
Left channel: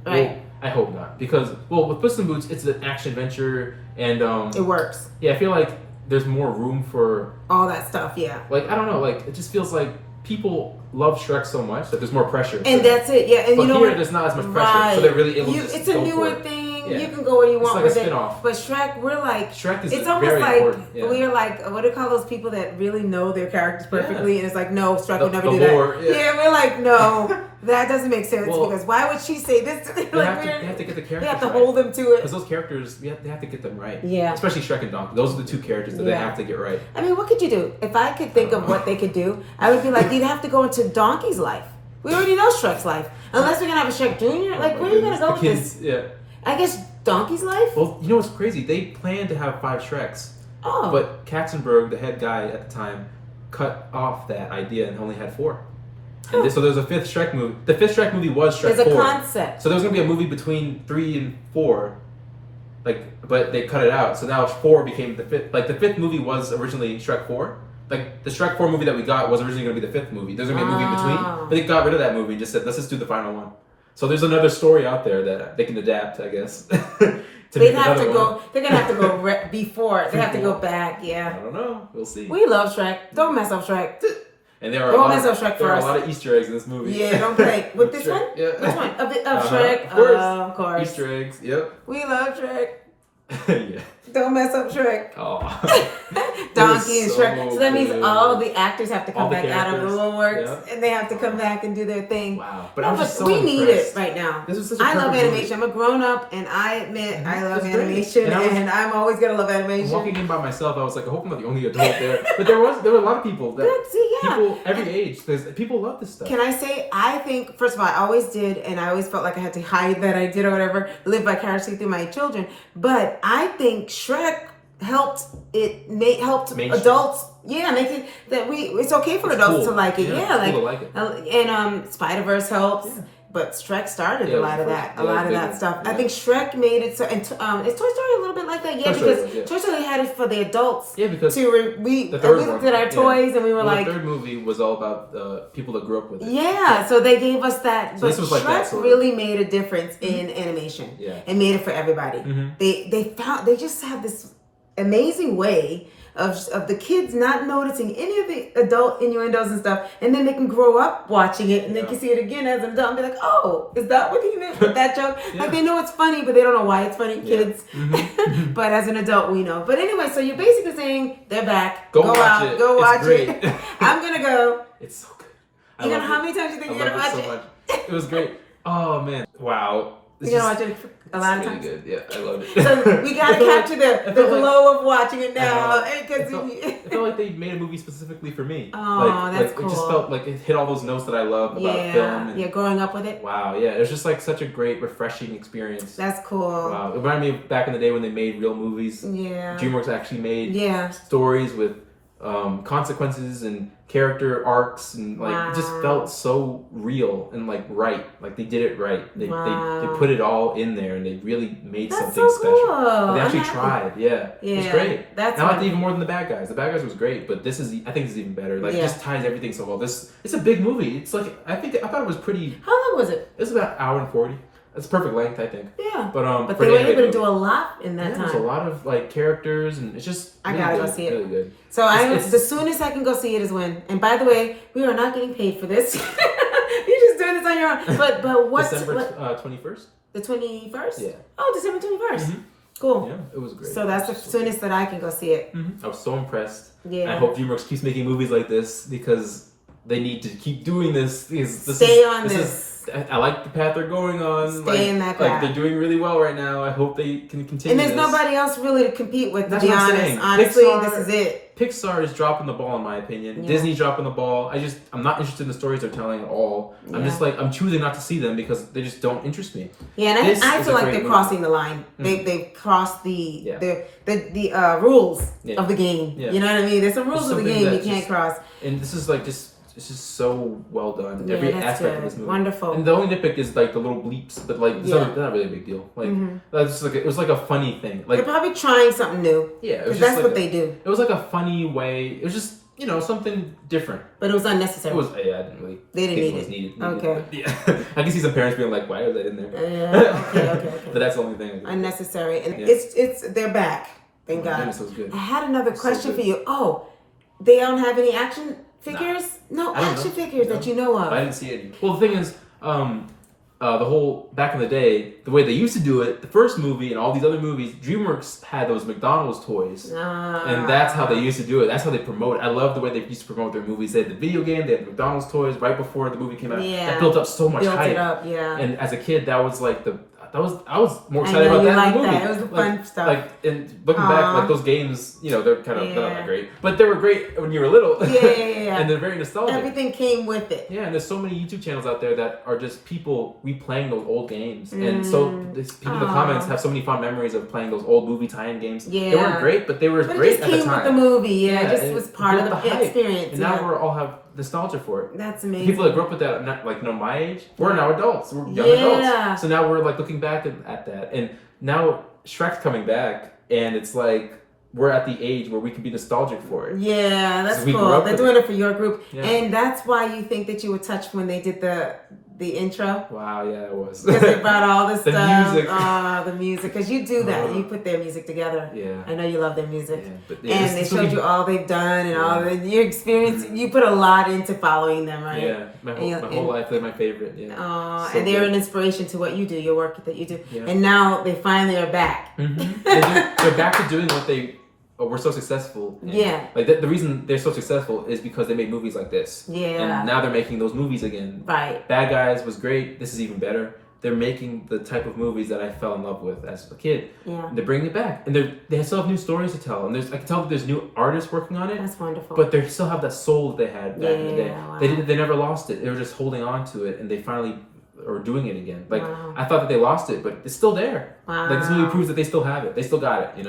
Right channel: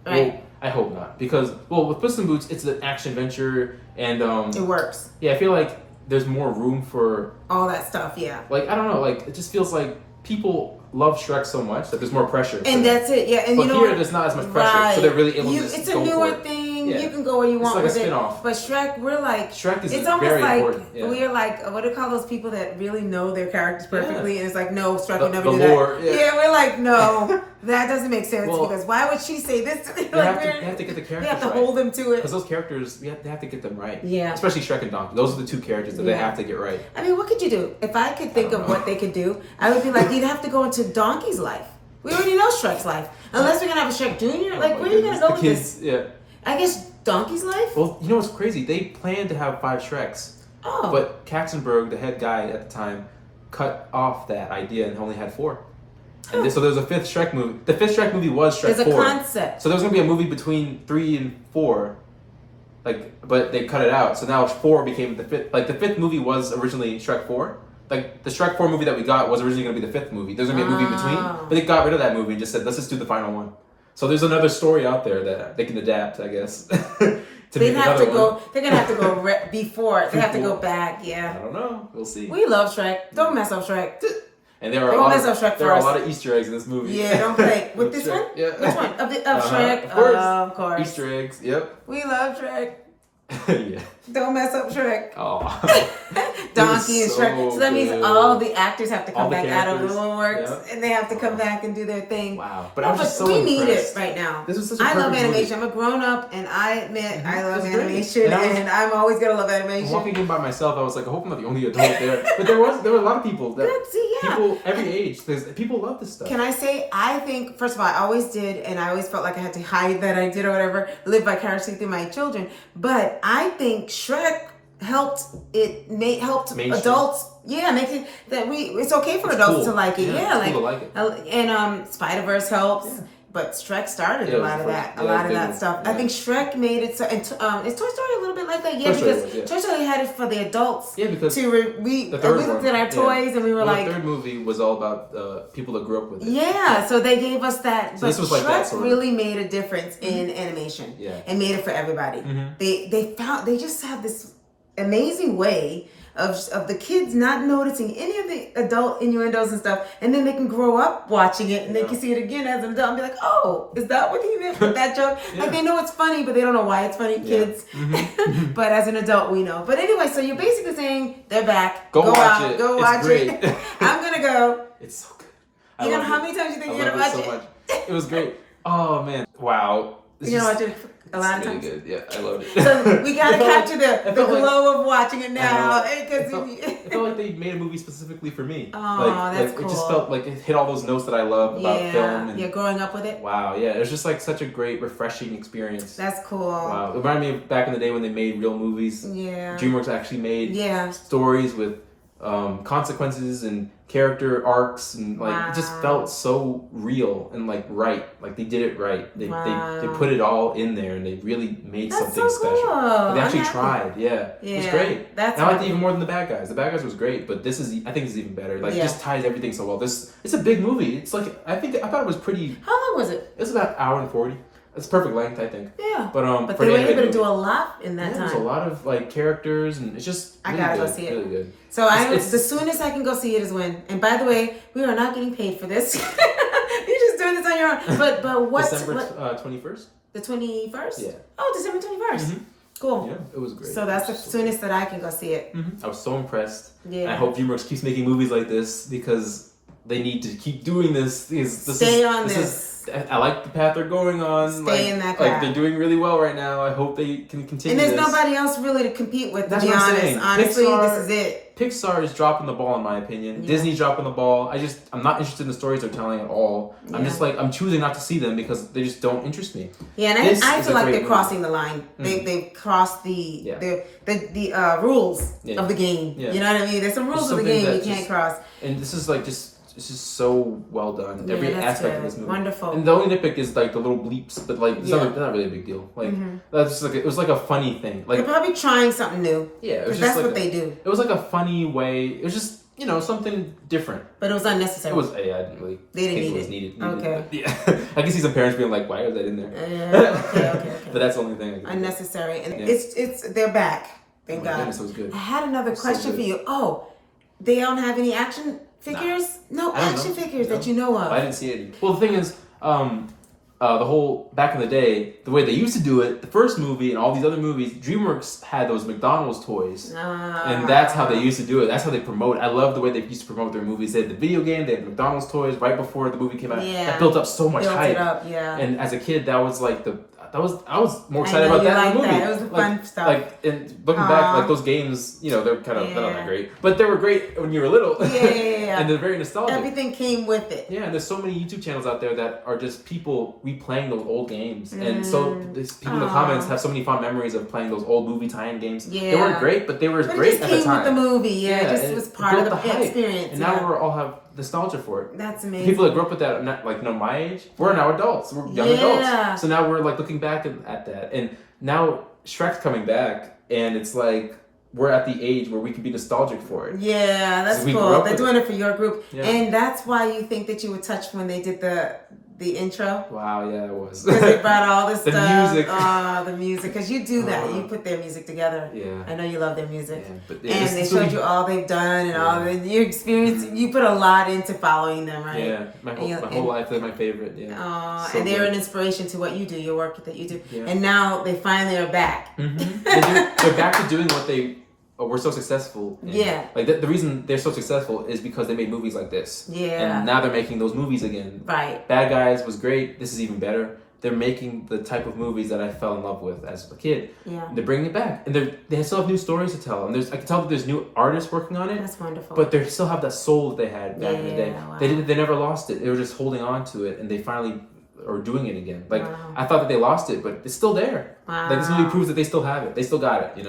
right? Well, I hope not, because with Puss in Boots, it's an action adventure, and it works. Yeah, I feel like there's more room for all that stuff. Yeah. Like I don't know, like it just feels like people love Shrek so much that there's more pressure. And that's it. Yeah, and but you know here what? There's not as much pressure, so they're really able to. It's a newer thing. Yeah. You can go where you want like with a spin-off. it. But Shrek, we're like, Shrek is it's almost very like important. we're like, what do you call those people that really know their characters perfectly? And it's like, no, Shrek would never do lore, that. Yeah, we're like, no, that doesn't make sense because why would she say this to me? They have to get the characters. They have to hold them to it because those characters, they have to get them right. Yeah, especially Shrek and Donkey. Those are the two characters that they have to get right. I mean, what could you do? If I could think of what they could do, I would be like, you'd have to go into Donkey's life. We already know Shrek's life. Unless we're gonna have a Shrek Jr. Like, where are you gonna go with this? Yeah. I guess Donkey's life? Well, you know what's crazy? They planned to have 5 Shreks. Oh. But Katzenberg, the head guy at the time, cut off that idea and only had 4. And so there was a 5th Shrek movie. The 5th Shrek movie was Shrek 4. There's a concept. So there was going to be a movie between 3 and 4. But they cut it out. So now 4 became the 5th. Like, the 5th movie was originally Shrek 4. Like, the Shrek 4 movie that we got was originally going to be the 5th movie. There's going to be a movie in between. But they got rid of that movie and just said, let's just do the final one. So there's another story out there that they can adapt, I guess. They'd have to go. They're gonna have to go before. They have to go back. Yeah. I don't know. We'll see. We love Shrek. Don't mess up Shrek. And there are a lot of Easter eggs in this movie. Yeah, don't play with this one. Yeah. Which one? Of Shrek? Of course. Easter eggs. Yep. We love Shrek. Yeah. Don't mess up Shrek. Oh. Donkey and Shrek. So that means all the actors have to come back out of Dreamworks, and they have to come back and do their thing. Wow. But we need it right now. This is such a I love animation. movie. I'm a grown up, and I admit I love animation, and I'm always gonna love animation. Walking in by myself, I was like, I hope I'm not the only adult there. But there were a lot of people people every age. People love this stuff. Can I say? I think first of all, I always did, and I always felt like I had to hide that I did or whatever, live vicariously through my children. But I think Shrek helped adults. Yeah, make it that it's okay for adults to like it. Yeah, cool to like it. And Spider-Verse helps. Yeah. But Shrek started a lot of that stuff. Yeah. I think Shrek made it so, and is Toy Story a little bit like that? Yeah, because Toy Story had it for the adults. Yeah, because we looked at our toys and we were like, the third movie was all about people that grew up with it. Yeah, so they gave us that. So but Shrek really made a difference in animation. Yeah, and made it for everybody. Mm-hmm. They just have this amazing way of the kids not noticing any of the adult innuendos and stuff, and then they can grow up watching it and they can see it again as an adult and be like, oh, is that what he meant with that joke? Like they know it's funny, but they don't know why it's funny, kids. Mm-hmm. But as an adult, we know. But anyway, so you're basically saying they're back. Go watch it. I'm gonna go. It's so good. How many times do you think you're gonna watch it? So much. It was great. Oh man, wow. You're gonna watch it a lot of times. Good. Yeah, I loved it. So we gotta capture the glow of watching it now. It felt like they made a movie specifically for me. Oh, that's cool. It just felt like it hit all those notes that I love about film. And, growing up with it. Wow, yeah. It was just like such a great, refreshing experience. That's cool. Wow. It reminded me of back in the day when they made real movies. Yeah. Dreamworks actually made stories with consequences and character arcs, and it just felt so real and right. Like they did it right. They put it all in there, and they really made something so special. Cool. They actually tried. Yeah, it was great. I liked it even more than the bad guys. The bad guys was great, but I think this is even better. It just ties everything so well. It's a big movie. It's like I thought it was pretty. How long was it? It was about 1:40. It's perfect length, I think. Yeah. But they were able to do a lot in that time. There's a lot of characters, and it's just I gotta go see it. Really good. So the soonest I can go see it is when. And by the way, we are not getting paid for this. You're just doing this on your own. But what? December 21st. The 21st. Yeah. Oh, December 21st. Mm-hmm. Cool. Yeah, it was great. So that's the soonest that I can go see it. Mm-hmm. I was so impressed. Yeah. And I hope Dreamworks keeps making movies like this because they need to keep doing this. Stay on this. I like the path they're going on. Stay in that path. They're doing really well right now. I hope they can continue. And there's nobody else really to compete with, to be honest. Saying. Honestly, this is it. Pixar is dropping the ball, in my opinion. Yeah. Disney's dropping the ball. I'm not interested in the stories they're telling at all. Yeah. I'm choosing not to see them because they just don't interest me. Yeah, and I feel like they're crossing the line. They've crossed the rules of the game. Yeah. You know what I mean? There's some rules of the game you can't cross. And this is this is so well done. Yeah, every aspect of this movie. Wonderful. And the only nitpick is the little bleeps, but it's not really a big deal. That's just it was like a funny thing. They're probably trying something new. Yeah, because that's what they do. It was like a funny way. It was just something different. But it was unnecessary. It was, I didn't really. They didn't need it. Was needed. Okay. Yeah. I can see some parents being like, why was that in there? Yeah. Okay. But that's the only thing. Unnecessary. And it's they're back. Thank God. Goodness, it was good. I had another question for you. Oh, they don't have any action figures? No action figures that you know of. I didn't see any. Well, the thing is, the whole back in the day, the way they used to do it, the first movie and all these other movies, DreamWorks had those McDonald's toys, and that's how they used to do it. That's how they promote. I love the way they used to promote their movies. They had the video game, they had McDonald's toys right before the movie came out. Yeah, that built up so much hype. Built it up, yeah. And as a kid, that was like I was more excited about that in the movie. That. It was the fun stuff. Like, and looking back, like those games, they're kind of they're not great, but they were great when you were little. Yeah. And they're very nostalgic. Everything came with it. Yeah, and there's so many YouTube channels out there that are just people replaying those old games, and so people in the comments have so many fond memories of playing those old movie tie-in games. Yeah, they weren't great, but they were great at the time. With the movie, yeah, it just was part of the experience. And now we all have nostalgia for it. That's amazing. People that grew up with that, like my age, we're now adults. We're young adults. So now we're like looking back at that, and now Shrek's coming back, and it's like we're at the age where we can be nostalgic for it. Yeah, that's cool. They're doing it for your group, and that's why you think that you were touched when they did the intro. Wow, yeah, it was. Because they brought all this stuff. Music. The music. Because you do that. You put their music together. Yeah. I know you love their music. Yeah, but and they showed you all they've done and all your experience. You put a lot into following them, right? Yeah, my whole life, they're my favorite. Yeah. And they're an inspiration to what you do, your work that you do. Yeah. And now they finally are back. Mm-hmm. They're back to doing what they were so successful. Yeah. Like the reason they're so successful is because they made movies like this. Yeah. And now they're making those movies again. Right. Bad Guys was great. This is even better. They're making the type of movies that I fell in love with as a kid. Yeah. They're bringing it back, and they still have new stories to tell. And I can tell that there's new artists working on it. That's wonderful. But they still have that soul that they had back in the day. Wow. They never lost it. They were just holding on to it, and they finally are doing it again. Like I thought that they lost it, but it's still there. Wow. Like this movie proves that they still have it. They still got it.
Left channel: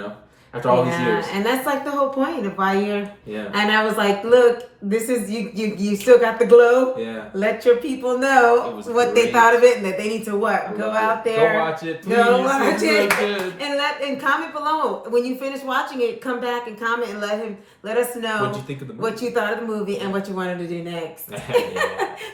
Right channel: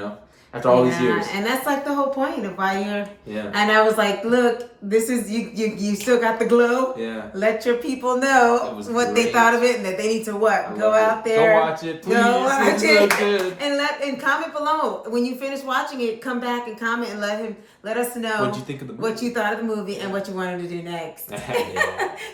After all these years. And that's like the whole point of why you're. Yeah. And I was like, look, this is you still got the glow. Yeah. Let your people know what they thought of it and that they need to go out there. Go watch it, please. Go watch it. And comment below. When you finish watching it, come back and comment and let us know what you think of the movie. What you thought of the movie and what you wanted to do next.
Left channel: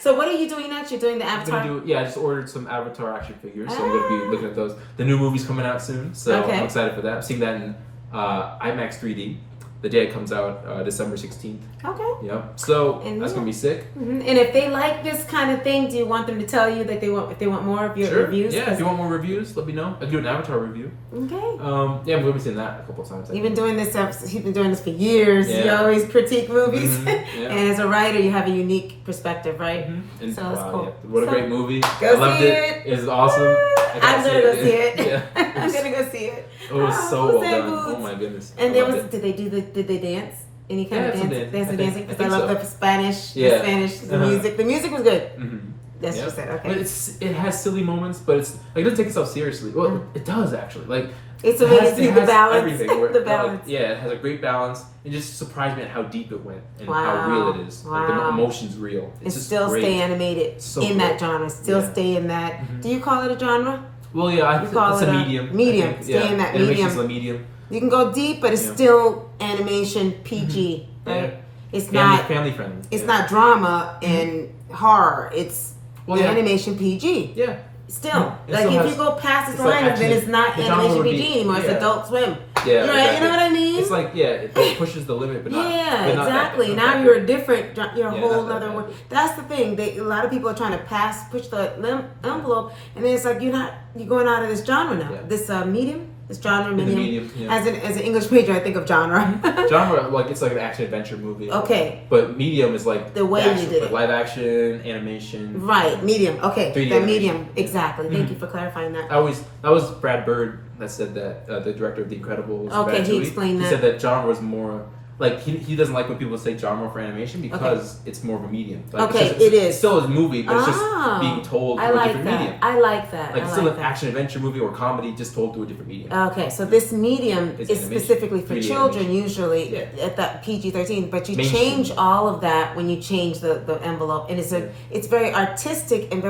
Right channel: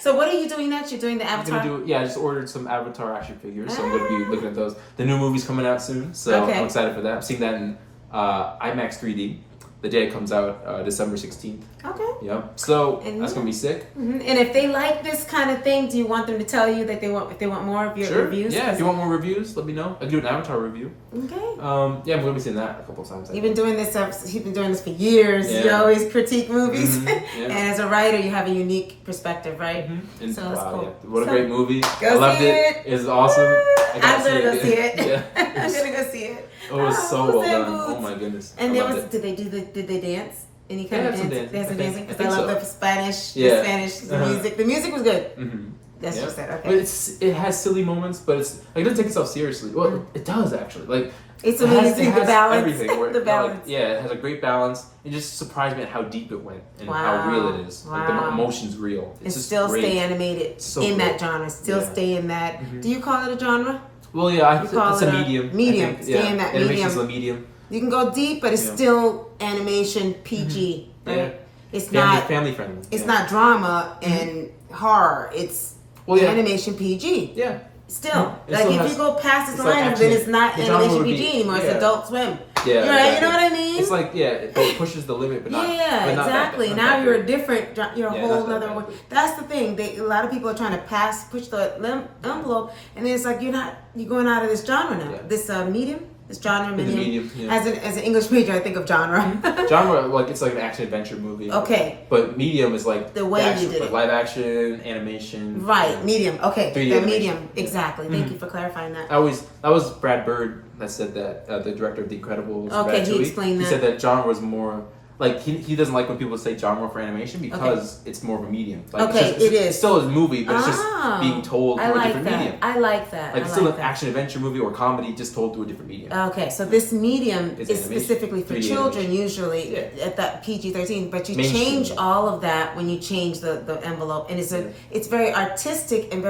So what are you doing next? You're doing the Avatar? I just ordered some Avatar action figures, so I'm going to be looking at those. The new movie's coming out soon, so I'm excited for that. I'm seeing that in IMAX 3D the day it comes out, December 16th. Okay. Yep. So that's gonna be sick. Mm-hmm. And if they like this kind of thing, do you want them to tell you that if they want more of your reviews? Yeah. If you want more reviews, let me know. I can do an Avatar review. Okay. I'm gonna be seeing that a couple of times. You've been doing this. He's been doing this for years. Yeah. You always critique movies, and as a writer, you have a unique perspective, right? Mm-hmm. And, so it's cool. Yeah. What a great movie! I loved it. It's awesome. I'm gonna go see it. Yeah. I'm gonna go see it. It was so well done. Oh my goodness. And did they dance? Any kind of dance? There's some dancing because I love the Spanish. The music. The music was good. Mm-hmm. That's just that. Okay. But it has silly moments, but it doesn't take itself seriously. Well, it does actually. Like it's amazing the balance. The balance. It has a great balance. It just surprised me at how deep it went and how real it is. Like the emotion's real. It's just still stay animated in that genre. Still stay in that. Mm-hmm. Do you call it a genre? Well, yeah, it's a medium. Medium. Stay in that medium. Animation's a medium. You can go deep, but it's still animation PG, right? Yeah. It's not family friendly. It's not drama and horror. It's animation PG. Yeah. Still, like if you go past this line, then it's not animation PG anymore. It's Adult Swim. Yeah, right. You know what I mean? It's like it pushes the limit, but not. Yeah, but not exactly. Now you're a different. You're a whole other one. That's the thing. A lot of people are trying to push the envelope, and then it's like you're going out of this genre now. Yeah. This medium. This genre, medium. As an English major, I think of genre. Genre, it's like an action adventure movie. Okay. But medium is like the way you did it. Live action, animation. Right, medium. Okay, the medium. Exactly. Thank you for clarifying that. That was Brad Bird that said that, the director of The Incredibles. Okay, he explained that. He said that genre was more. Like, he doesn't like when people say genre for animation because it's more of a medium. Like, it is. It's still a movie, but it's just being told through a different medium. I like that. Like, it's still an action-adventure movie or comedy just told through a different medium. Okay, so this medium is specifically for children, usually, at that PG-13, but you change all of that when you change the envelope, and it's very artistic and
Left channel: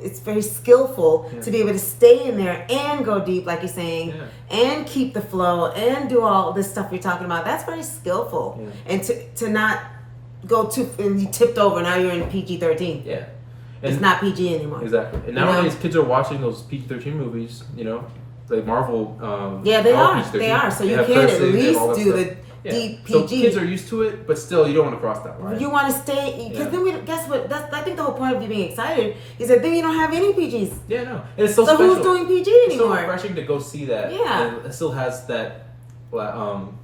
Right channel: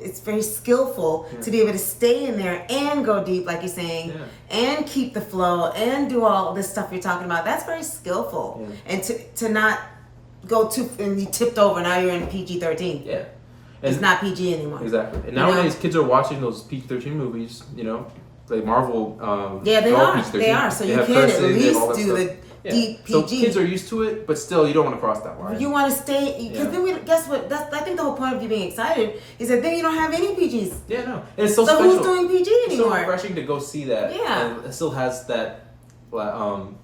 it's very skillful to be able to stay in there and go deep, like you're saying, and keep the flow, and do all this stuff you're talking about. That's very skillful. skillful and to not go too and you tipped over. Now you're in PG-13. Yeah. It's not PG anymore. Exactly. And nowadays, kids are watching those PG-13 movies, like Marvel. They are. They are. So you can at least do the deep PG. So kids are used to it, but still, you don't want to cross that line. You want to stay, because then guess what? I think the whole point of you being excited is that then you don't have any PGs. Yeah, no. And it's so special. Who's doing PG anymore? It's so refreshing to go see that. Yeah. And it still has that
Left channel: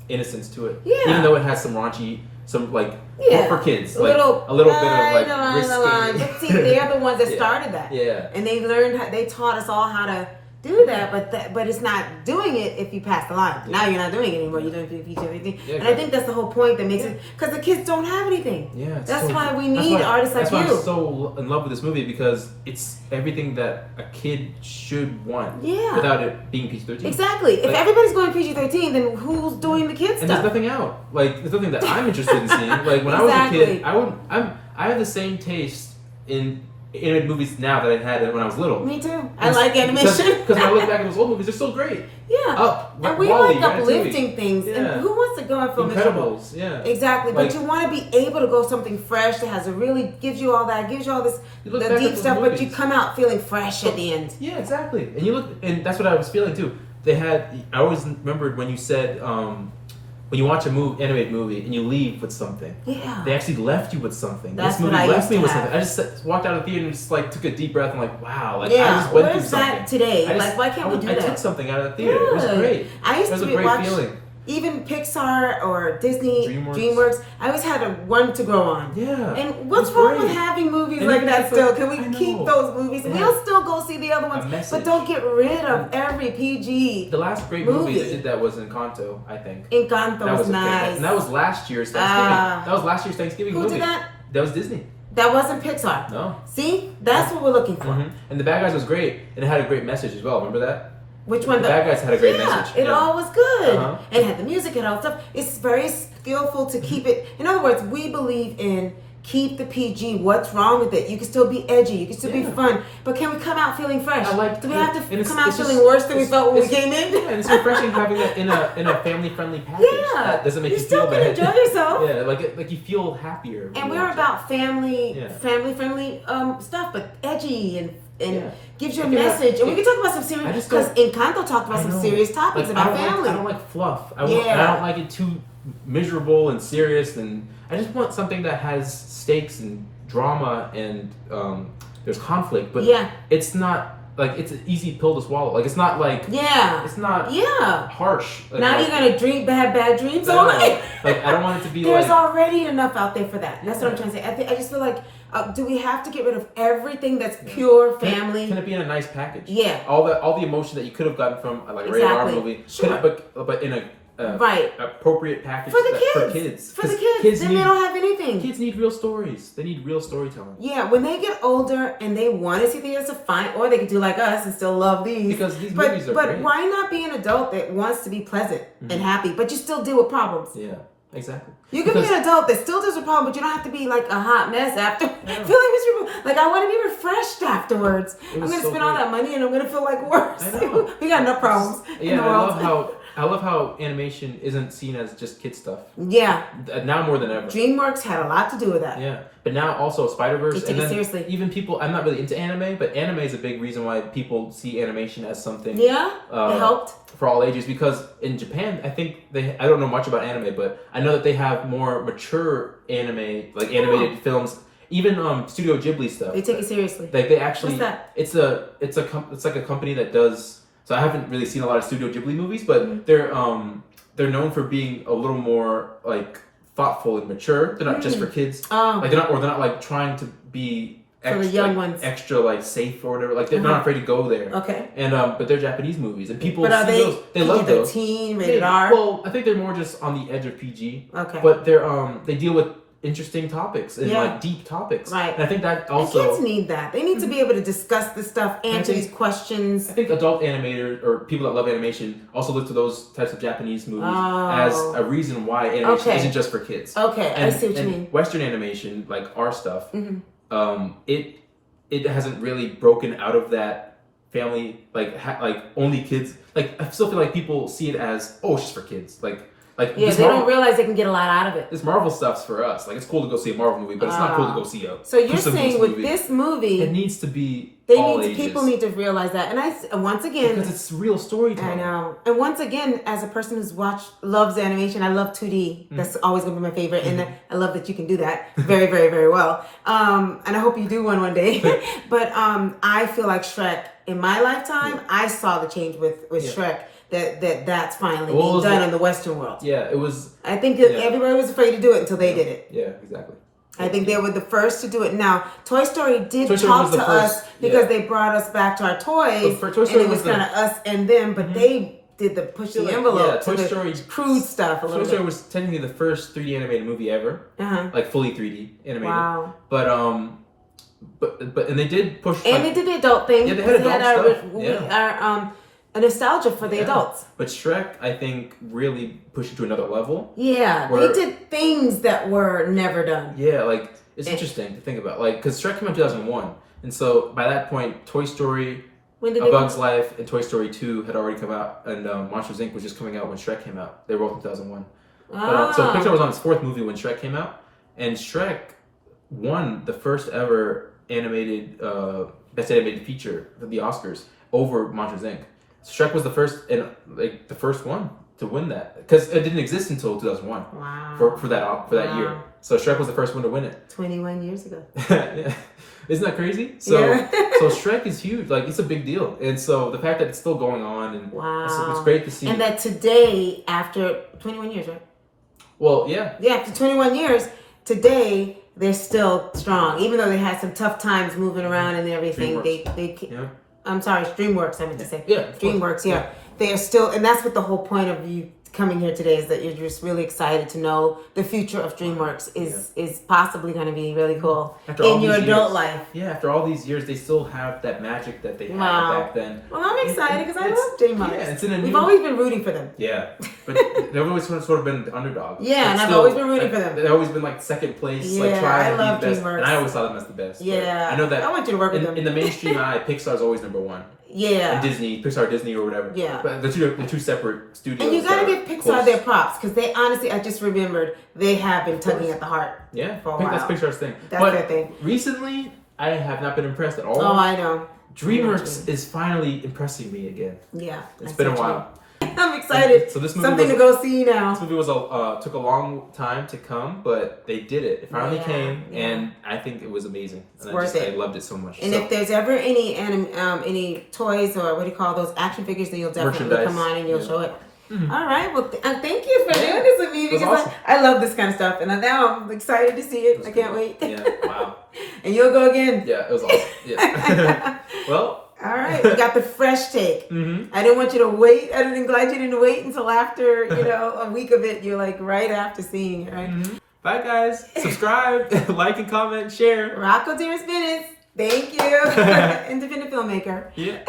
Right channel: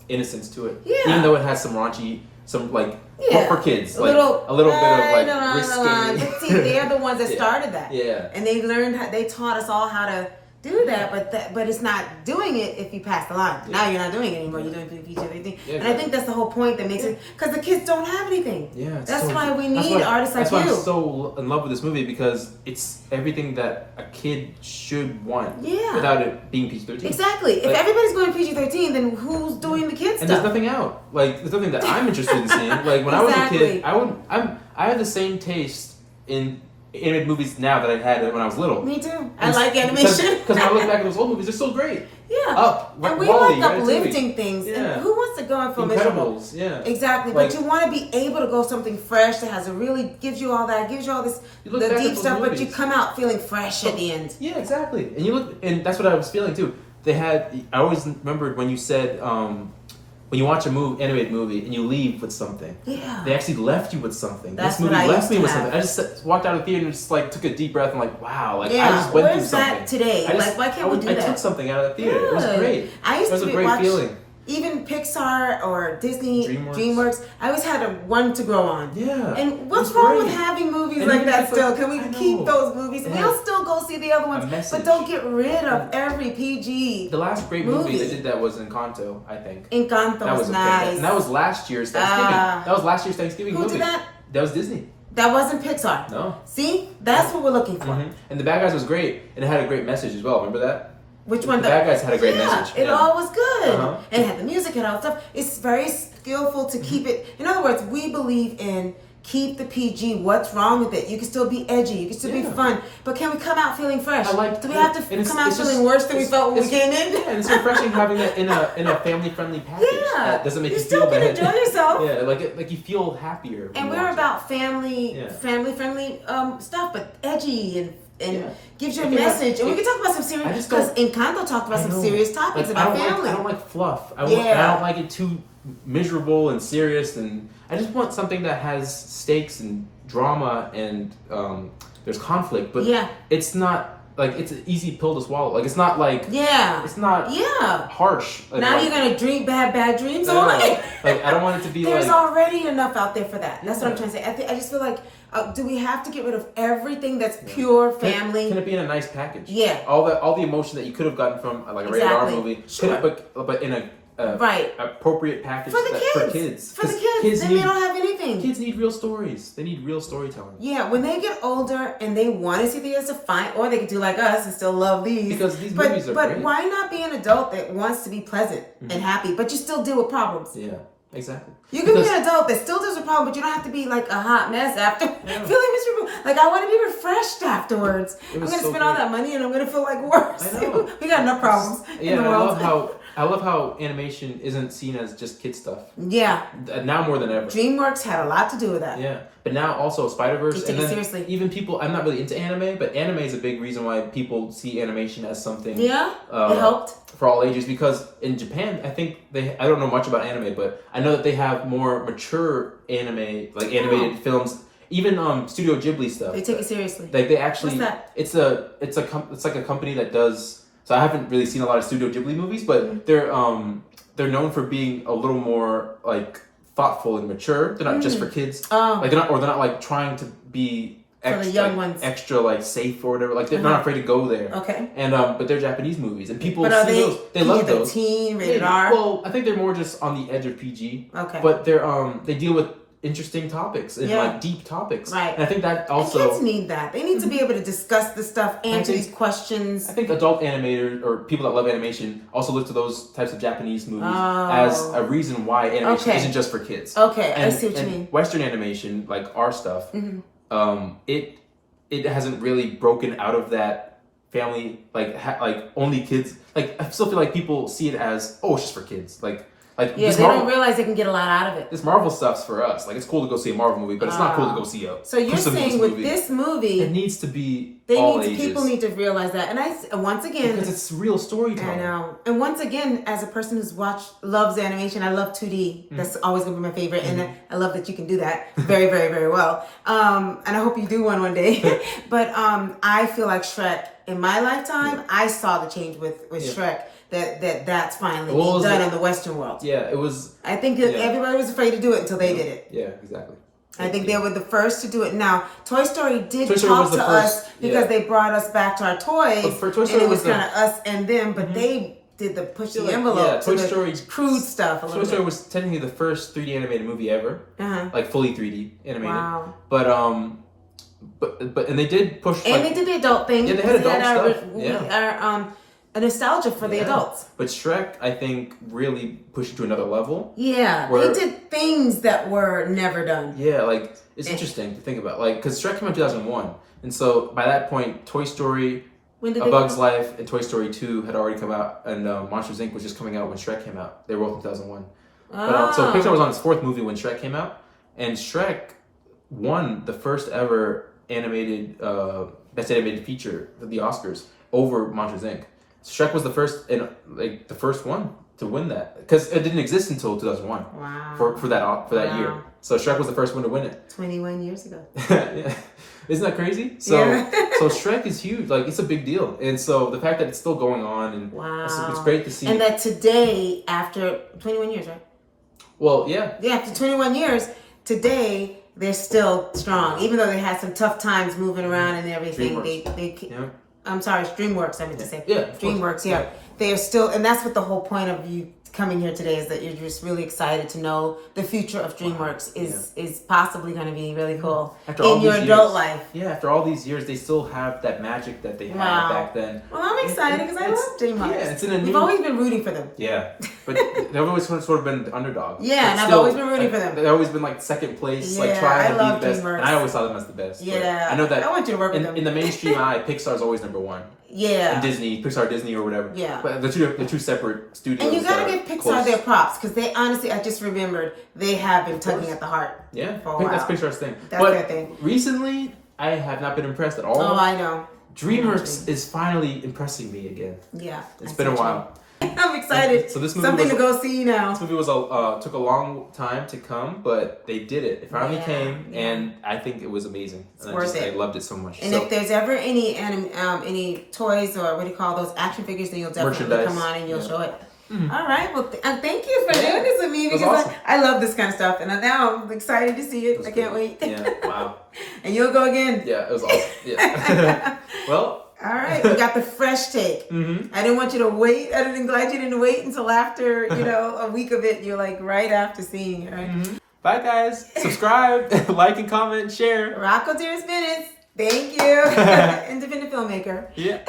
innocence to it. Yeah. Even though it has some raunchy, for kids. A little bit of risque. But see, they're the ones that started that. Yeah. And they taught us all how to do that, but it's not doing it if you pass the line. Now you're not doing it anymore. You're doing PG everything. Yeah, and I think that's the whole point that makes it, because the kids don't have anything. Yeah, that's why we need artists like you. That's why I'm so in love with this movie, because it's everything that a kid should want. Yeah. Without it being PG-13. Exactly. If everybody's going PG-13, then who's doing the kids stuff? And there's nothing out. There's nothing that I'm interested in seeing. Like when I was a kid, I have the same taste in animated movies now that I had when I was little. Me too. I like animation. Because when I look back at those old movies, they're so great. Yeah. And we like uplifting things. Yeah. And who wants to go and feel miserable? Yeah. Exactly. But you want to be able to go something fresh that has gives you all this, the deep stuff, but you come out feeling fresh at the end. Yeah, exactly. And that's what I was feeling too. I always remembered when you said, when you watch animated movie and you leave with something, they actually left you with something. That's this movie what I left me with have. something. I just walked out of the theater and just took a deep breath and wow, I just went where's through something. That today? Why can't we do that? I took something out of the theater. It was great. It was a great feeling. Even Pixar or Disney, Dreamworks, I always had one to grow on. Yeah. And what's wrong with having movies like that still? Can we keep those movies? Yeah. We'll still go see the other ones, but don't get rid of every PG. The last great movie that did that was Encanto, I think. Encanto was nice. And that was last year's Thanksgiving. That was last year's Thanksgiving movie. Who did that? That was Disney. That wasn't Pixar. No. See? That's what we're looking for. Mm-hmm. And The Bad Guys was great, and it had a great message as well. Remember that? Which one? The Bad Guys had a great message. It all was good. And it had the music and all that stuff. It's very skillful to keep it. In other words, we believe in keep the PG. What's wrong with it? You can still be edgy. You can still be fun. But can we come out feeling fresh? Do we have to come out feeling worse than we felt when we came in? Yeah, and it's refreshing having that in a family-friendly package. Yeah. That doesn't make you feel bad. You still can enjoy yourself. Yeah, like you feel happier. And we're about family-friendly stuff, but edgy and gives you a message. And we can talk about some serious, because Encanto talked about some serious topics about family. I don't like fluff. I don't like it too miserable and serious, and I just want something that has stakes and drama and there's conflict, but it's not it's an easy pill to swallow. It's not it's not harsh. Now you're gonna dream bad dreams all night. I don't want it to be there's already enough out there for that. That's what I'm trying to say. I just feel like do we have to get rid of everything that's pure family? Can it be in a nice package? Yeah. All the emotion that you could have gotten from a rated R movie, but in a appropriate package for the kids. For the kids, then they don't have anything. Kids need real stories. They need real storytelling. Yeah, when they get older and they want to see things, that's fine. Or they can do like us and still love these. Because these movies are great. But why not be an adult that wants to be pleasant and happy, but you still deal with problems? Yeah. Exactly. You can be an adult that still deals with problems, but you don't have to be like a hot mess after feeling miserable. I want to be refreshed afterwards. I'm going to spend all that money and I'm going to feel worse. I know. We got enough problems in the world. I love how animation isn't seen as just kid stuff. Yeah. Now more than ever. Dreamworks had a lot to do with that. Yeah. But now also Spider-Verse. And then seriously. Even people, I'm not really into anime, but anime is a big reason why people see animation as something. Yeah. It helped. For all ages, because in Japan, I think I don't know much about anime, but I know that they have more mature animated films. Even Studio Ghibli stuff. They take it seriously. They actually. What's that? It's like a company that does. So I haven't really seen a lot of Studio Ghibli movies, but they're known for being a little more thoughtful and mature. They're not just for kids. They're not trying to be for the young ones extra safe or whatever. They're not afraid to go there. Okay. And but they're Japanese movies, and people see those. They love those. Teen, rated R. Well, I think they're more just on the edge of PG. Okay. But they deal with interesting topics and deep topics. Right. And I think that also and kids need that. They need to be able to discuss this stuff, answer these questions. I think adult animators or people that love animation also look to those types of Japanese movies as a reason why animation isn't just for kids. Okay, I see what you mean. Western animation, like our stuff, it hasn't really broken out of that family only kids. I still feel like people see it as it's just for kids. Like, they don't realize they can get a lot out of it. This Marvel stuff's for us. Like, it's cool to go see a Marvel movie, but it's not cool to go see a. So you're saying with this movie, it needs to be people need to realize that. And once again, because it's real storytelling. I know. And once again, as a person who's loves animation, I love 2D. That's always gonna be my favorite, and I love that you can do that very, very, very well. And I hope you do one day. But I feel like Shrek in my lifetime, I saw the change with Shrek. That's finally being done in the Western world. Yeah, it was. I think that everybody was afraid to do it until they did it. Yeah, exactly. I think they were the first to do it. Now, Toy Story talk to us because they brought us back to our toys, and it was kind of us and them, but they did the push the envelope to the crude stuff a little bit. Toy Story was technically the first 3D animated movie ever, like fully 3D animated. Wow. But and they did push. And they did the adult thing. Yeah, they had adult stuff. A nostalgia for the adults. But Shrek, I think, really pushed it to another level. Yeah, they did things that were never done. Yeah, like, it's interesting to think about. Like, because Shrek came out in 2001. And so, by that point, Toy Story, A Bug's Life, and Toy Story 2 had already come out. And Monsters, Inc. was just coming out when Shrek came out. They were both in 2001. But, so Pixar was on its fourth movie when Shrek came out. And Shrek won the first ever best animated feature at the Oscars over Monsters, Inc. Shrek was the first one to win that because it didn't exist until 2001. Wow. For that year. So Shrek was the first one to win it. 21 years ago. Yeah. Isn't that crazy? So so Shrek is huge. Like, it's a big deal. And so the fact that it's still going on and it's great to see. And that today, after 21 years, right? Well, yeah. Yeah, after 21 years, today they're still strong. Even though they had some tough times moving around and everything. I'm sorry, Dreamworks, I meant to say. Yeah. Dreamworks, yeah. They are still, and that's what the whole point of you coming here today is that you're just really excited to know the future of Dreamworks is possibly going to be really cool in your adult life. Yeah, after all these years, they still have that magic that they had back then. Well, I'm excited because I love Dreamworks. Yeah, we've always been rooting for them. Yeah, but they've always sort of been the underdog. Yeah, and I've always been rooting for them. They've always been like second place, like trying to be the best. And I always saw them as the best. Yeah, I know that. I want you to work with them. In the mainstream eye, Pixar's always number one. Yeah. And Pixar, Disney, or whatever. Yeah. But the two separate studios. And you gotta give Pixar their props because they honestly, I just remembered, they have been tugging at the heart. Yeah. For a while. That's Pixar's thing. That's their thing. Recently, I have not been impressed at all. Oh, I know. Dreamworks is finally impressing me again. Yeah. It's been a while. I'm excited. So this movie something to go see now. This movie took a long time to come, but they did it. It finally came, and I think it was amazing. It's worth it. I loved it so much. And if there's ever any toys or what do you call those action figures, then you'll definitely come on and you'll show it. Mm-hmm. All right. Well, thank you for doing this with me because awesome. I love this kind of stuff, and now I'm excited to see it. I can't wait. Yeah. Wow. And you'll go again. Yeah, it was awesome. Yeah. Well. All right, we got the fresh take. Mm-hmm. I didn't want you to wait. I didn't glad you didn't wait until after, a week of it. You're like right after seeing it, right? Mm-hmm. Bye, guys. Subscribe, like, and comment, share. Rocco Dearest Minutes. Thank you. Independent filmmaker. Yeah.